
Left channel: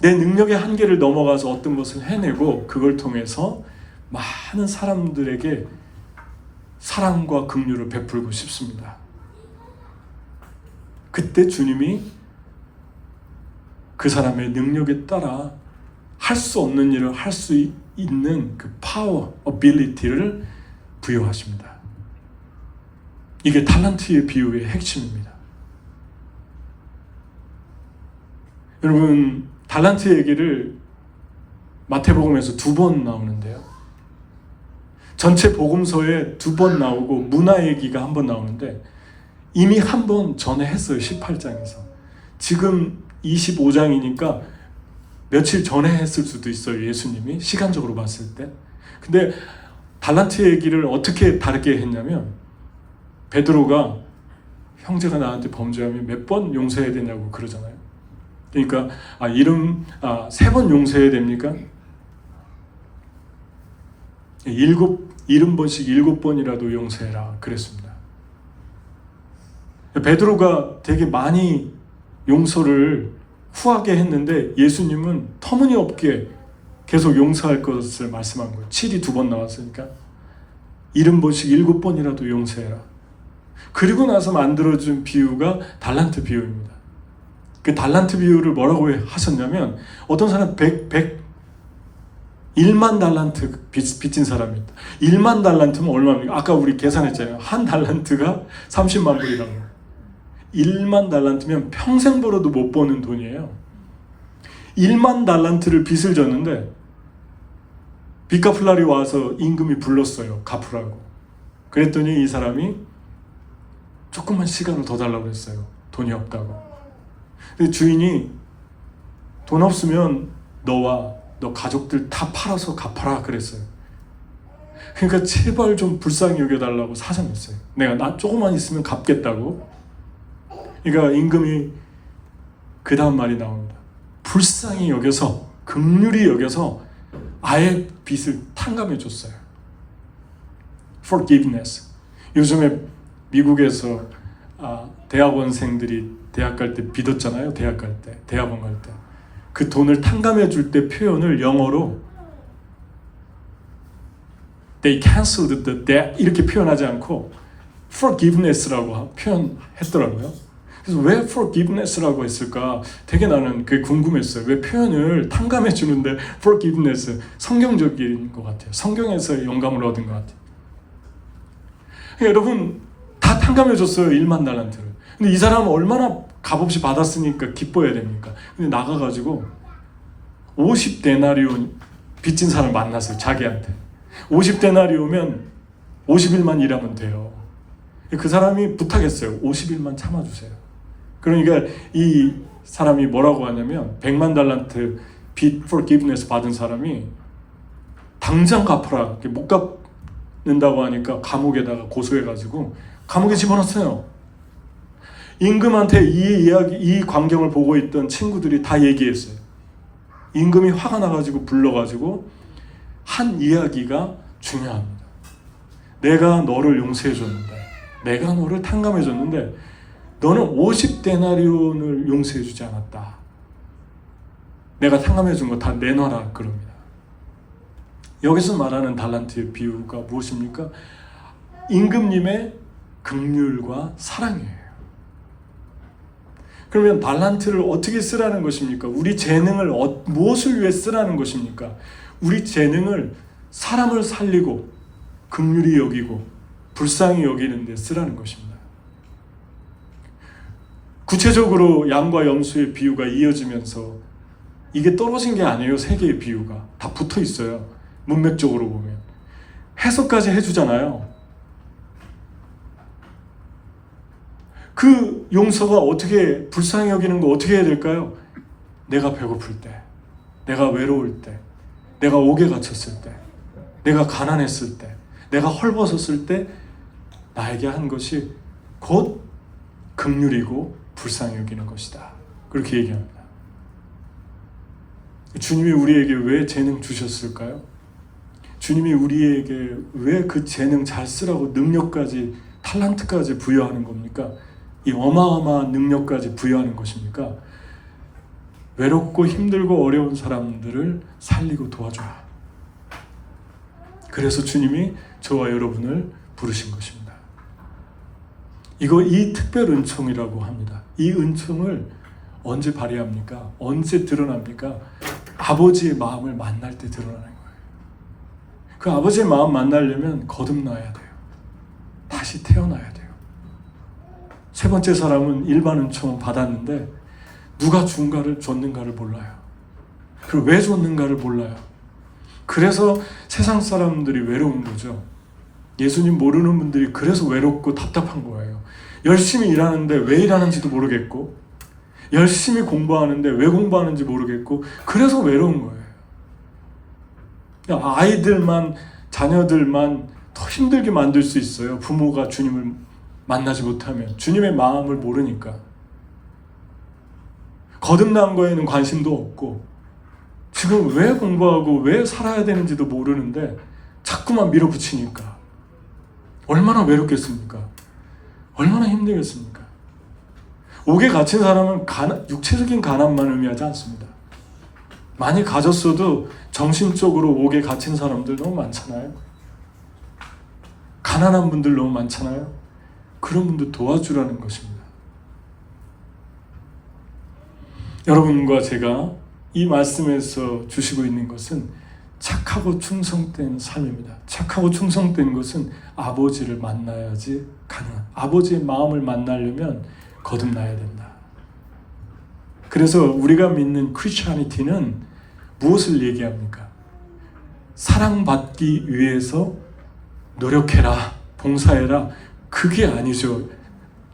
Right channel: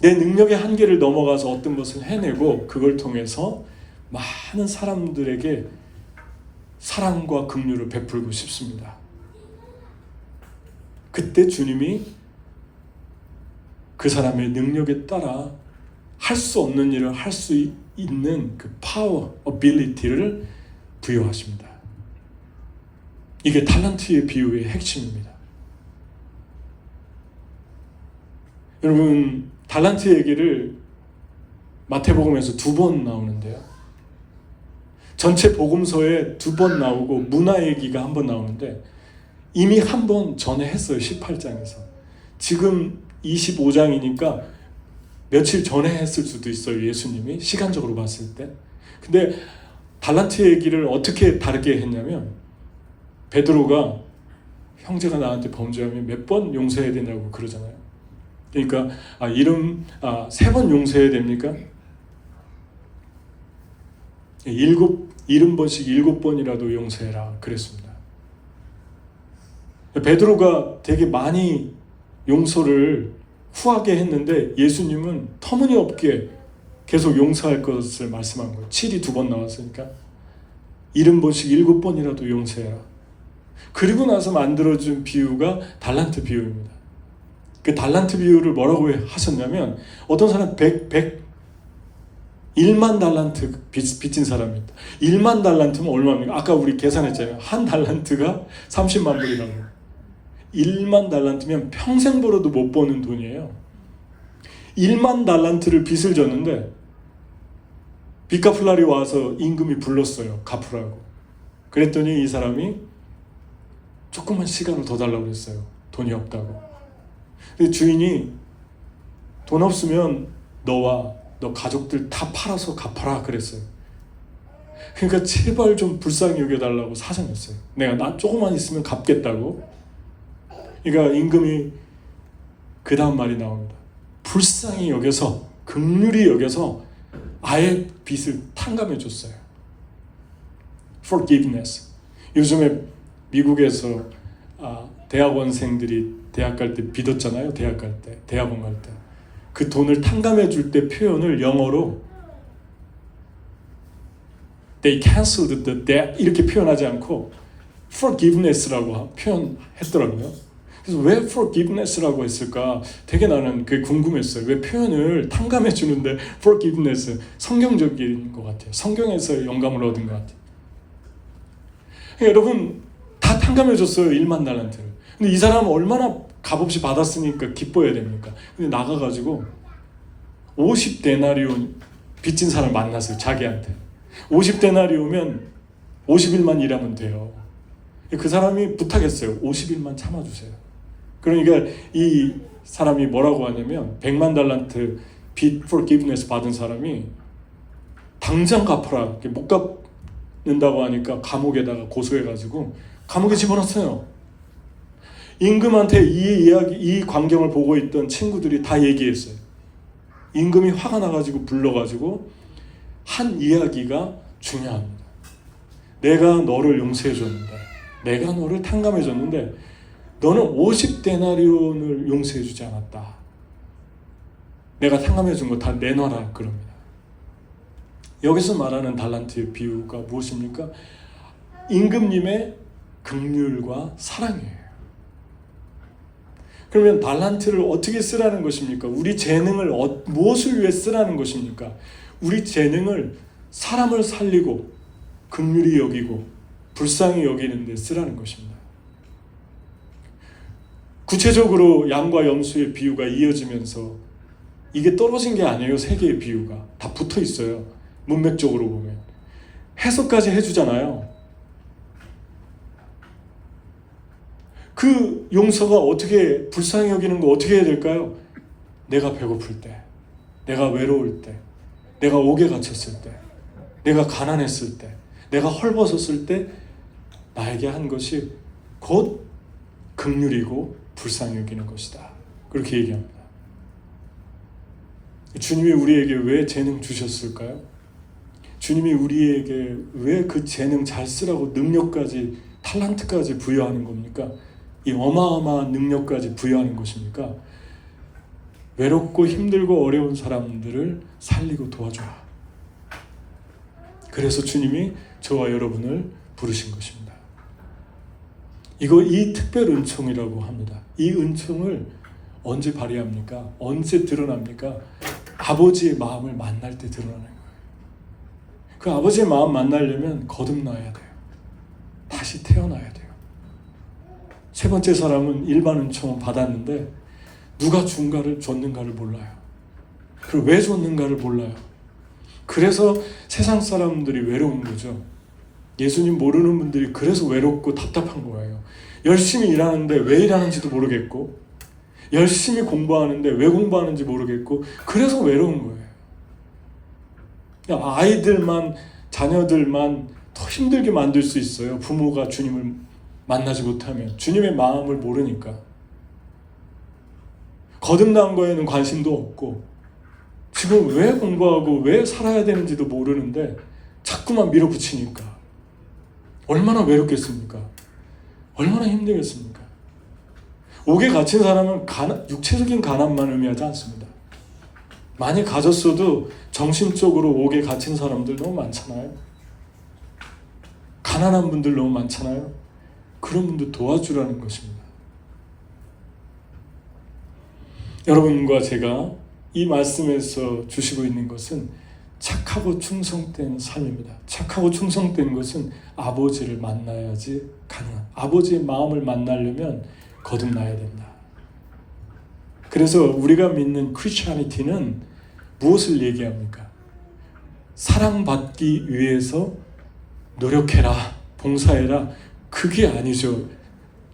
내 능력의 한계를 넘어가서 어떤 것을 해내고 그걸 통해서 많은 사람들에게 사랑과 긍휼을 베풀고 싶습니다. 그때 주님이 그 사람의 능력에 따라 할 수 없는 일을 할 수 있는 그 파워, 어빌리티를 부여하십니다. 이게 달란트의 비유의 핵심입니다. 여러분, 달란트 얘기를 마태복음에서 2번 나오는데요. 전체 복음서에 2번 나오고 문화 얘기가 1번 나오는데 이미 1번 전에 했어요. 18장에서. 지금 25장이니까 며칠 전에 했을 수도 있어요. 예수님이 시간적으로 봤을 때. 근데 달란트 얘기를 어떻게 다르게 했냐면 베드로가 형제가 나한테 범죄하면 몇 번 용서해야 되냐고 그러잖아요. 그러니까 3번 용서해야 됩니까? 70번씩 7번이라도 용서해라 그랬습니다. 베드로가 되게 많이 용서를 후하게 했는데 예수님은 터무니없게 계속 용서할 것을 말씀한 거예요. 7이 2번 나왔으니까 70번씩 7번이라도 용서해라. 그리고 나서 만들어준 비유가 달란트 비유입니다. 그 달란트 비유를 뭐라고 하셨냐면 어떤 사람 1만 달란트 빚진 사람이 있다. 1만 달란트면 얼마입니까? 아까 우리 계산했잖아요. 한 달란트가 30만 불이라고. 1만 달란트면 평생 벌어도 못 버는 돈이에요. 1만 달란트를 빚을 졌는데 빚 갚을 날이 와서 임금이 불렀어요. 갚으라고. 그랬더니 이 사람이 조금만 시간을 더 달라고 그랬어요. 돈이 없다고. 근데 주인이 돈 없으면 너와 너 가족들 다 팔아서 갚아라 그랬어요. 그러니까 제발 좀 불쌍히 여겨달라고 사정했어요. 내가 나 조금만 있으면 갚겠다고. 그러니까 임금이 그 다음 말이 나옵니다. 불쌍히 여겨서 긍휼히 여겨서 아예 빚을 탕감해 줬어요. Forgiveness. 요즘에 미국에서 대학원생들이 대학 갈 때 빚었잖아요. 대학원 갈 때. 그 돈을 탕감해 줄 때 표현을 영어로 They canceled the debt 이렇게 표현하지 않고 forgiveness라고 표현했더라고요. 그래서 왜 forgiveness라고 했을까? 되게 나는 그게 궁금했어요. 왜 표현을 탕감해 주는데 forgiveness 성경적인 것 같아요. 성경에서 영감을 얻은 것 같아요. 여러분 다 탕감해 줬어요. 1만 달란트를. 근데 이 사람은 얼마나 값없이 받았으니까 기뻐해야 됩니까? 근데 나가가지고 50데나리온 빚진 사람을 만났어요. 자기한테 50데나리오면 50일만 일하면 돼요. 그 사람이 부탁했어요. 50일만 참아주세요. 그러니까 이 사람이 뭐라고 하냐면 100만 달란트 빚 forgiveness 받은 사람이 당장 갚아라. 못 갚는다고 하니까 감옥에다가 고소해가지고 감옥에 집어넣었어요. 임금한테 이 광경을 보고 있던 친구들이 다 얘기했어요. 임금이 화가 나가지고 불러가지고 한 이야기가 중요합니다. 내가 너를 용서해줬는데, 내가 너를 탕감해줬는데 너는 50데나리온을 용서해주지 않았다. 내가 탕감해준 거 다 내놔라 그럽니다. 여기서 말하는 달란트의 비유가 무엇입니까? 임금님의 긍휼과 사랑이에요. 그러면 달란트를 어떻게 쓰라는 것입니까? 우리 재능을 무엇을 위해 쓰라는 것입니까? 우리 재능을 사람을 살리고 긍휼히 여기고 불쌍히 여기는 데 쓰라는 것입니다. 구체적으로 양과 염소의 비유가 이어지면서 이게 떨어진 게 아니에요. 세 개의 비유가 다 붙어 있어요. 문맥적으로 보면 해석까지 해주잖아요. 그 용서가 어떻게 불쌍히 여기는 거 어떻게 해야 될까요? 내가 배고플 때, 내가 외로울 때, 내가 옥에 갇혔을 때, 내가 가난했을 때, 내가 헐벗었을 때 나에게 한 것이 곧 긍휼이고 불쌍히 여기는 것이다. 그렇게 얘기합니다. 주님이 우리에게 왜 재능 주셨을까요? 주님이 우리에게 왜 그 재능 잘 쓰라고 능력까지 탤런트까지 부여하는 겁니까? 이 어마어마한 능력까지 부여하는 것입니까? 외롭고 힘들고 어려운 사람들을 살리고 도와줘라. 그래서 주님이 저와 여러분을 부르신 것입니다. 이 특별 은총이라고 합니다. 이 은총을 언제 발휘합니까? 언제 드러납니까? 아버지의 마음을 만날 때 드러나는 거예요. 그 아버지의 마음 만나려면 거듭나야 돼요. 다시 태어나야 돼요. 세 번째 사람은 일반 은총은 받았는데 누가 줬는가를 몰라요. 그리고 왜 줬는가를 몰라요. 그래서 세상 사람들이 외로운 거죠. 예수님 모르는 분들이 그래서 외롭고 답답한 거예요. 열심히 일하는데 왜 일하는지도 모르겠고, 열심히 공부하는데 왜 공부하는지 모르겠고, 그래서 외로운 거예요. 아이들만, 자녀들만 더 힘들게 만들 수 있어요. 부모가 주님을 만나지 못하면. 주님의 마음을 모르니까. 거듭난 거에는 관심도 없고, 지금 왜 공부하고 왜 살아야 되는지도 모르는데 자꾸만 밀어붙이니까 얼마나 외롭겠습니까? 얼마나 힘들겠습니까? 옥에 갇힌 사람은 육체적인 가난만 의미하지 않습니다. 많이 가졌어도 정신적으로 옥에 갇힌 사람들 너무 많잖아요. 가난한 분들 너무 많잖아요. 그런 분들 도와주라는 것입니다. 여러분과 제가 이 말씀에서 주시고 있는 것은 착하고 충성된 삶입니다. 착하고 충성된 것은 아버지를 만나야지 가능한, 아버지의 마음을 만나려면 거듭나야 된다. 그래서 우리가 믿는 크리스천리티는 무엇을 얘기합니까? 사랑받기 위해서 노력해라, 봉사해라, 그게 아니죠.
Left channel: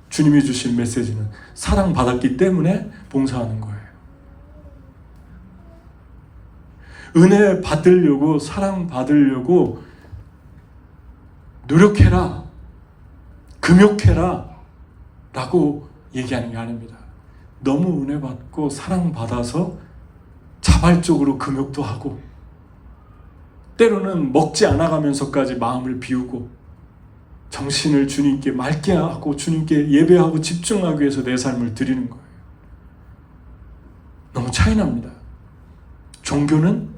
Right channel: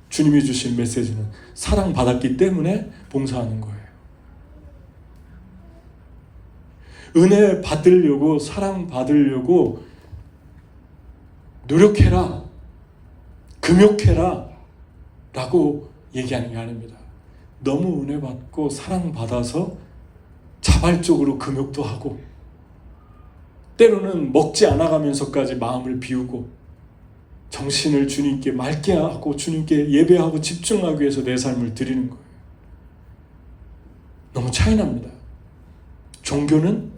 주님이 주신 메시지는 사랑받았기 때문에 봉사하는 거예요. 은혜 받으려고, 사랑 받으려고 노력해라, 금욕해라 라고 얘기하는 게 아닙니다. 너무 은혜 받고 사랑 받아서 자발적으로 금욕도 하고, 때로는 먹지 않아가면서까지 마음을 비우고 정신을 주님께 맑게 하고 주님께 예배하고 집중하기 위해서 내 삶을 드리는 거예요. 너무 차이 납니다. 종교는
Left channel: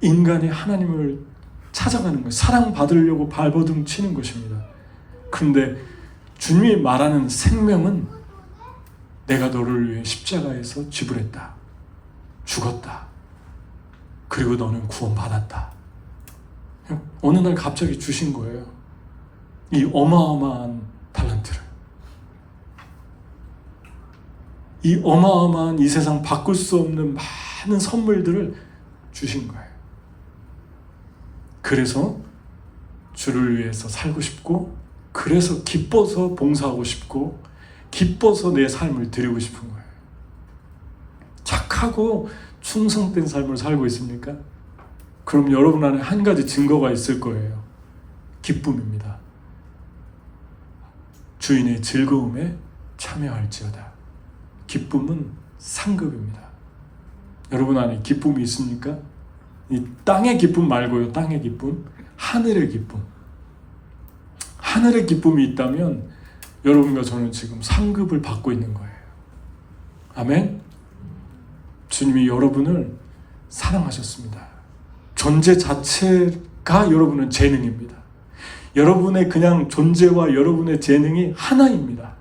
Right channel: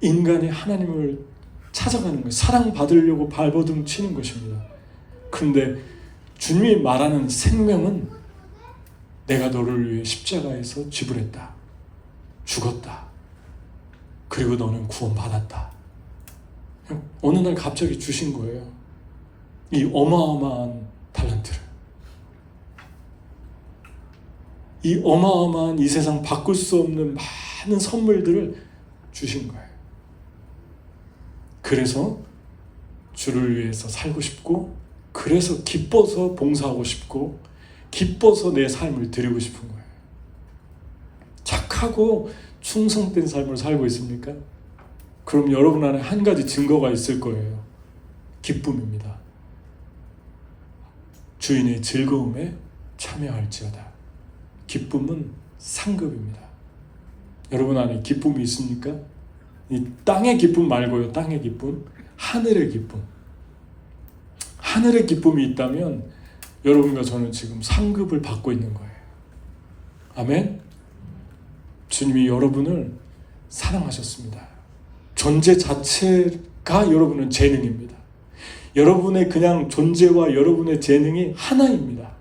인간이 하나님을 찾아가는 거예요. 사랑받으려고 발버둥 치는 것입니다. 그런데 주님이 말하는 생명은 내가 너를 위해 십자가에서 지불했다. 죽었다. 그리고 너는 구원받았다. 어느 날 갑자기 주신 거예요. 이 어마어마한 탤런트를. 이 어마어마한 이 세상 바꿀 수 없는 많은 선물들을 주신 거예요. 그래서 주를 위해서 살고 싶고, 그래서 기뻐서 봉사하고 싶고, 기뻐서 내 삶을 드리고 싶은 거예요. 착하고 충성된 삶을 살고 있습니까? 그럼 여러분 안에 한 가지 증거가 있을 거예요. 기쁨입니다. 주인의 즐거움에 참여할지어다. 기쁨은 상급입니다. 여러분 안에 기쁨이 있습니까? 이 땅의 기쁨 말고요. 땅의 기쁨, 하늘의 기쁨. 하늘의 기쁨이 있다면 여러분과 저는 지금 상급을 받고 있는 거예요. 아멘? 주님이 여러분을 사랑하셨습니다. 존재 자체가 여러분은 재능입니다. 여러분의 그냥 존재와 여러분의 재능이 하나입니다.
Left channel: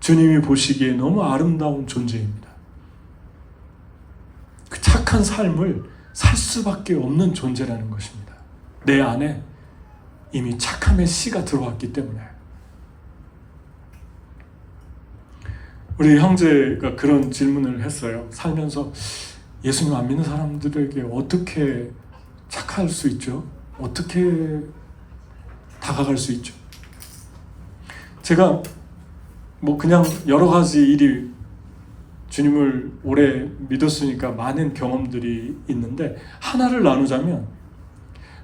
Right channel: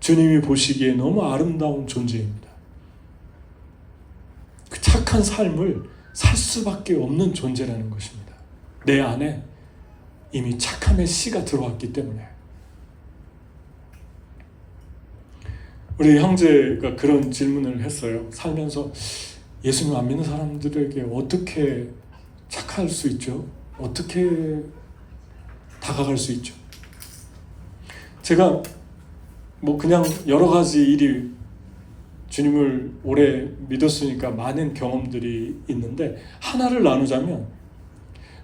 주님이 보시기에 너무 아름다운 존재입니다. 그 착한 삶을 살 수밖에 없는 존재라는 것입니다. 내 안에 이미 착함의 씨가 들어왔기 때문에. 우리 형제가 그런 질문을 했어요. 살면서 예수님 안 믿는 사람들에게 어떻게 착할 수 있죠? 어떻게 다가갈 수 있죠? 제가 그냥 여러 가지 일이, 주님을 오래 믿었으니까 많은 경험들이 있는데 하나를 나누자면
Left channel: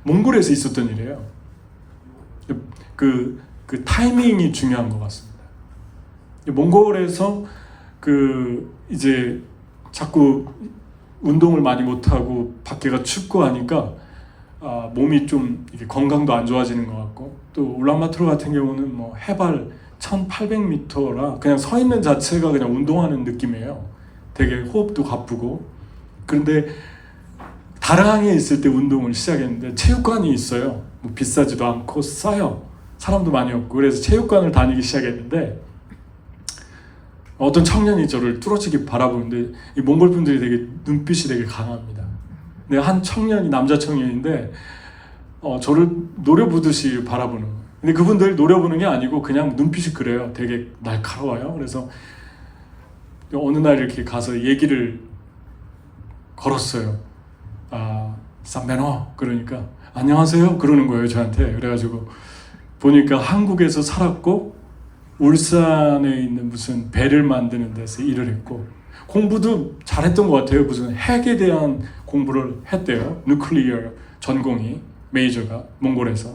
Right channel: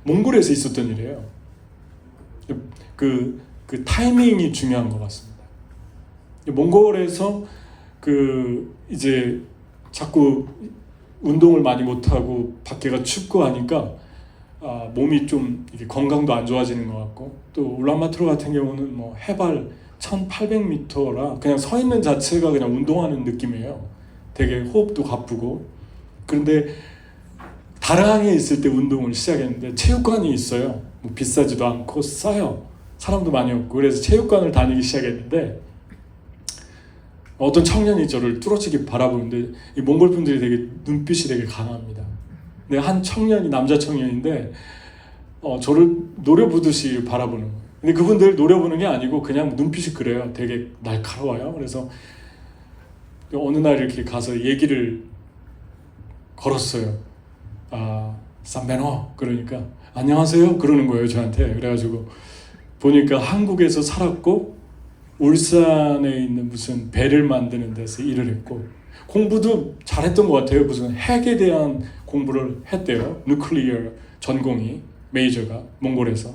몽골에서 있었던 일이에요. 그 타이밍이 중요한 것 같습니다. 몽골에서 이제 자꾸 운동을 많이 못하고 밖에가 춥고 하니까 몸이 좀 이렇게 건강도 안 좋아지는 것 같고, 또 울란바토르 같은 경우는 뭐 해발 1800m라 그냥 서 있는 자체가 그냥 운동하는 느낌이에요. 되게 호흡도 가쁘고. 그런데 다랑에 있을 때 운동을 시작했는데 체육관이 있어요. 뭐 비싸지도 않고 싸요. 사람도 많이 없고. 그래서 체육관을 다니기 시작했는데 어떤 청년이 저를 뚫어지게 바라보는데 이 몽골 분들이 되게 눈빛이 되게 강합니다. 근데 한 청년이 남자 청년인데 저를 노려보듯이 바라보는 거예요. 근데 그분들 노려보는 게 아니고 그냥 눈빛이 그래요. 되게 날카로워요. 그래서 어느 날 이렇게 가서 얘기를 걸었어요. 삼베노 그러니까 안녕하세요 그러는 거예요 저한테. 그래가지고 보니까 한국에서 살았고 울산에 있는 무슨 배를 만드는 데서 일을 했고 공부도 잘했던 것 같아요. 무슨 핵에 대한 공부를 했대요. 누클리어 전공이 메이저가 몽골에서.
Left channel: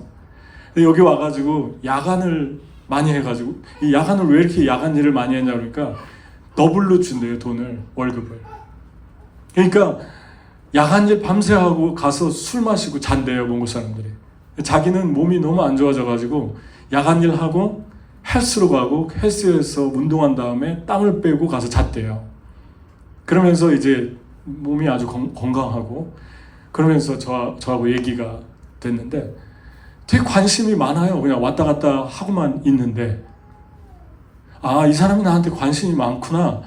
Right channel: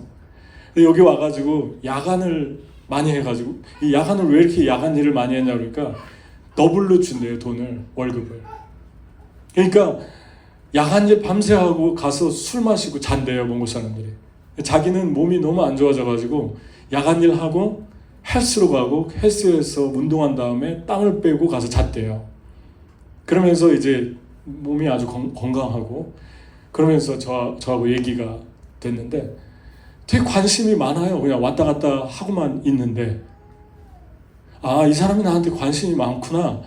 근데 여기 와가지고 야간을 많이 해가지고 이 야간을 왜 이렇게 야간 일을 많이 했냐 그러니까 더블로 준대요. 돈을 월급을. 그러니까 야간일 밤새 하고 가서 술 마시고 잔대요. 몽골 사람들이. 자기는 몸이 너무 안 좋아져가지고 야간일 하고 헬스로 가고 헬스에서 운동한 다음에 땅을 빼고 가서 잤대요. 그러면서 이제 몸이 아주 건강하고 그러면서 저하고 얘기가 됐는데 되게 관심이 많아요. 그냥 왔다 갔다 하고만 있는데 이 사람이 나한테 관심이 많구나.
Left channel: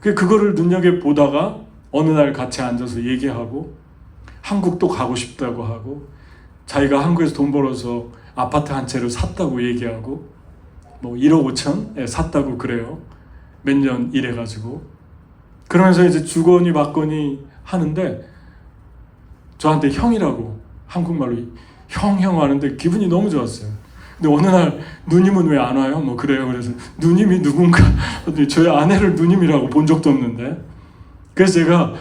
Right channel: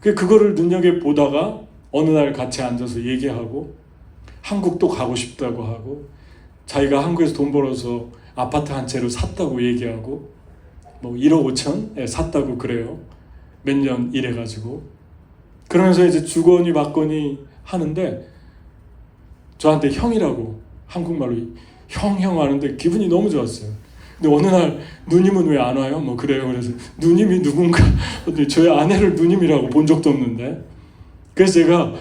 그거를 눈여겨보다가 어느 날 같이 앉아서 얘기하고 한국도 가고 싶다고 하고 자기가 한국에서 돈 벌어서 아파트 한 채를 샀다고 얘기하고 뭐 1억 5천 샀다고 그래요. 몇 년 일해가지고 그러면서 이제 주거니 받거니 하는데 저한테 형이라고 한국말로 형 하는데 기분이 너무 좋았어요. 근데 어느 날 누님은 왜 안 와요? 뭐 그래요. 그래서 누님이 누군가 저희 아내를 누님이라고 본 적도 없는데 그래서 제가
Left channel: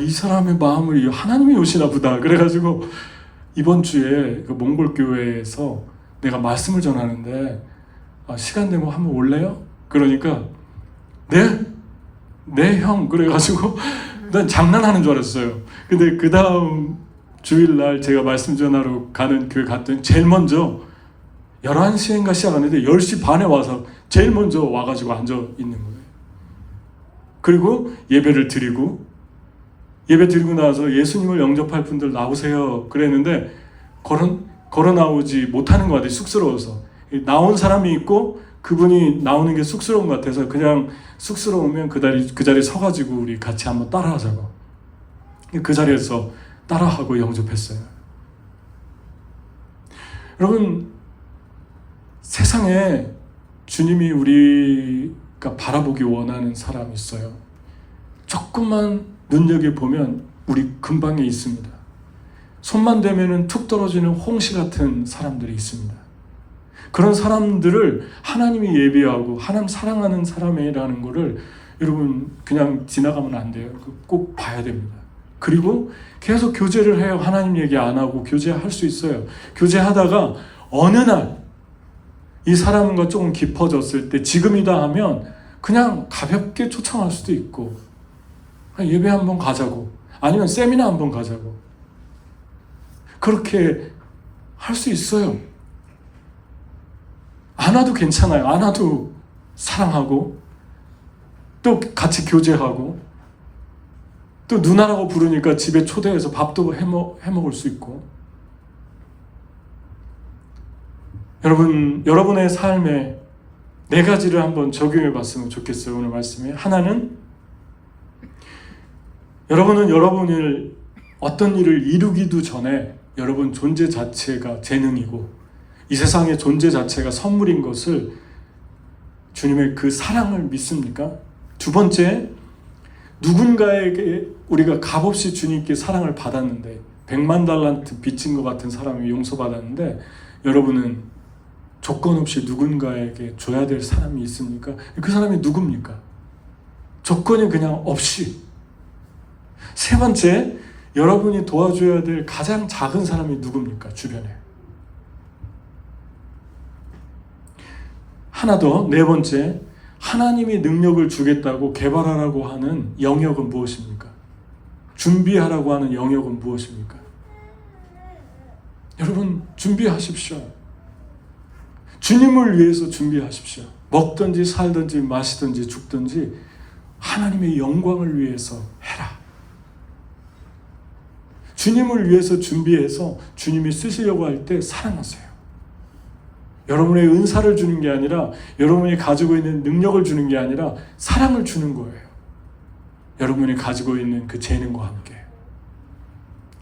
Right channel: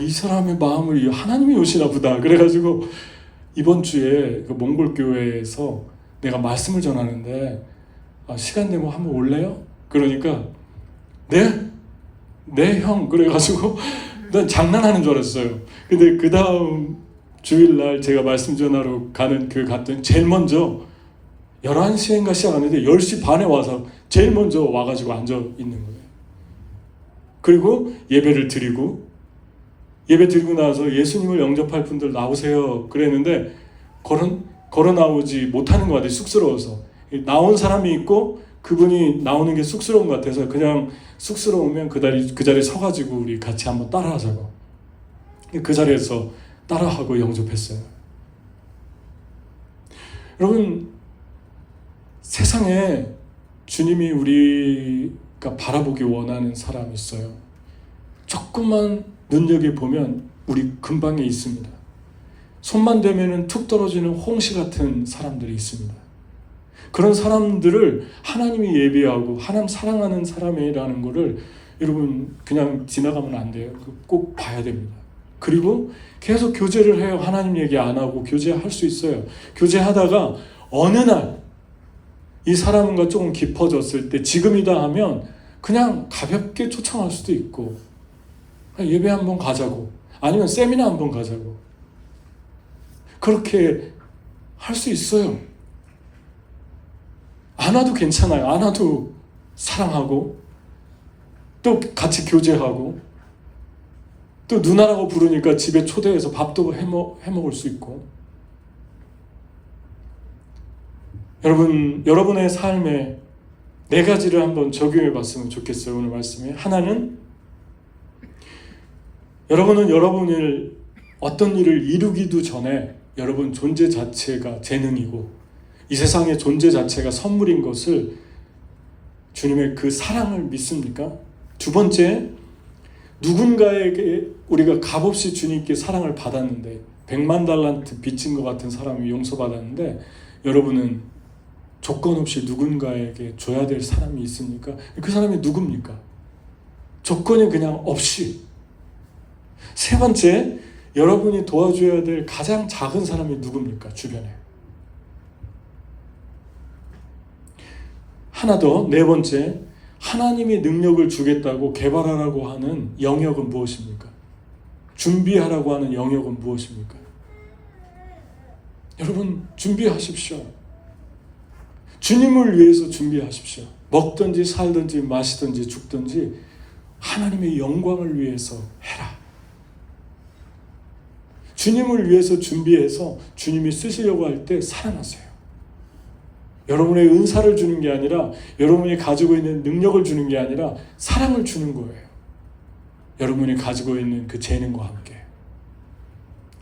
이 사람의 마음을 하나님이 오시나 보다. 그래가지고 이번 주에 그 몽골 교회에서 내가 말씀을 전하는데 시간 되면 한번 올래요? 그러니까 네 형. 그래가지고 난 장난하는 줄 알았어요. 근데 그 다음 주일날 제가 말씀 전하러 가는 교회 갔더니 제일 먼저 11시인가 시작하는데 10시 반에 와서 제일 먼저 와가지고 앉아 있는 거예요. 그리고 예배를 드리고 예배 드리고 나서 예수님을 영접할 분들 나오세요 그랬는데 걸어 나오지 못하는 것 같아요. 쑥스러워서. 나온 사람이 있고 그분이 나오는 게 쑥스러운 것 같아서 그냥 쑥스러우면 그 자리에 서가지고 우리 같이 한번 따라하자고. 그 자리에서 따라하고 영접했어요. 여러분 세상에 주님이 우리가 바라보기 원하는 사람이 있어요. 조금만 눈여겨보면 우리 근방에 있습니다. 손만 대면은 툭 떨어지는 홍시 같은 사람들이 있습니다. 그런 사람들을 하나님이 예비하고 하나님 사랑하는 사람이라는 것을 여러분 그냥 지나가면 안 돼요. 꼭 봐야 됩니다. 그리고 계속 교제를 해요. 하나님 얘기 안 하고 교제할 수 있어요. 교제하다가 어느 날 이 사람과 조금 깊어졌을 때 지금이다 하면 그냥 가볍게 초청할 수도 있고 예배 한번 가자고 아니면 세미나 한번 가자고 그렇게 할 수 있어요. 안 와도 괜찮아요. 안 와도 사랑하고 또 같이 교제하고 또 누나라고 부르니까 집에 초대해서 밥도 해먹을 수 있고. 여러분의 삶에 4가지를 한번 적용해 봤으면 좋겠어요. 오늘 말씀에 하나는 여러분은 여러분을 어떤 일을 이루기도 전에 여러분 존재 자체가 재능이고 이 세상의 존재 자체가 선물인 것을 주님의 그 사랑을 믿습니까? 2번째, 누군가에게 우리가 값없이 주님께 사랑을 받았는데 100만 달란트 빚진 것 같은 사람이 용서받았는데 여러분은 조건 없이 누군가에게 줘야 될 사람이 있습니까? 그 사람이 누굽니까? 조건이 그냥 없이. 3번째, 여러분이 도와줘야 될 가장 작은 사람이 누굽니까? 주변에. 하나 더, 4번째, 하나님이 능력을 주겠다고 개발하라고 하는 영역은 무엇입니까? 준비하라고 하는 영역은 무엇입니까? 여러분 준비하십시오. 주님을 위해서 준비하십시오. 먹든지 살든지 마시든지 죽든지 하나님의 영광을 위해서 해라. 주님을 위해서 준비해서 주님이 쓰시려고 할 때 사랑하세요. 여러분의 은사를 주는 게 아니라, 여러분이 가지고 있는 능력을 주는 게 아니라 사랑을 주는 거예요. 여러분이 가지고 있는 그 재능과 함께.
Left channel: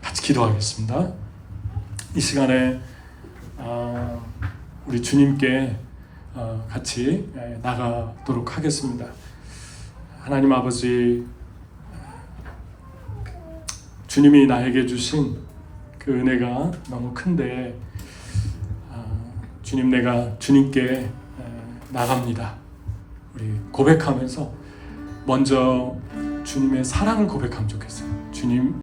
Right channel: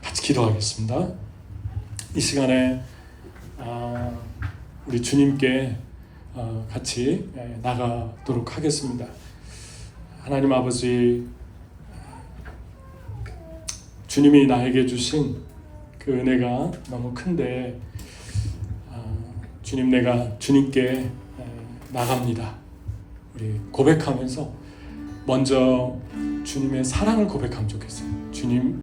같이 기도하겠습니다. 이 시간에 우리 주님께 같이 나가도록 하겠습니다. 하나님 아버지, 주님이 나에게 주신 그 은혜가 너무 큰데, 주님, 내가 주님께 나갑니다. 우리 고백하면서 먼저 주님의 사랑을 고백하면 좋겠어요. 주님,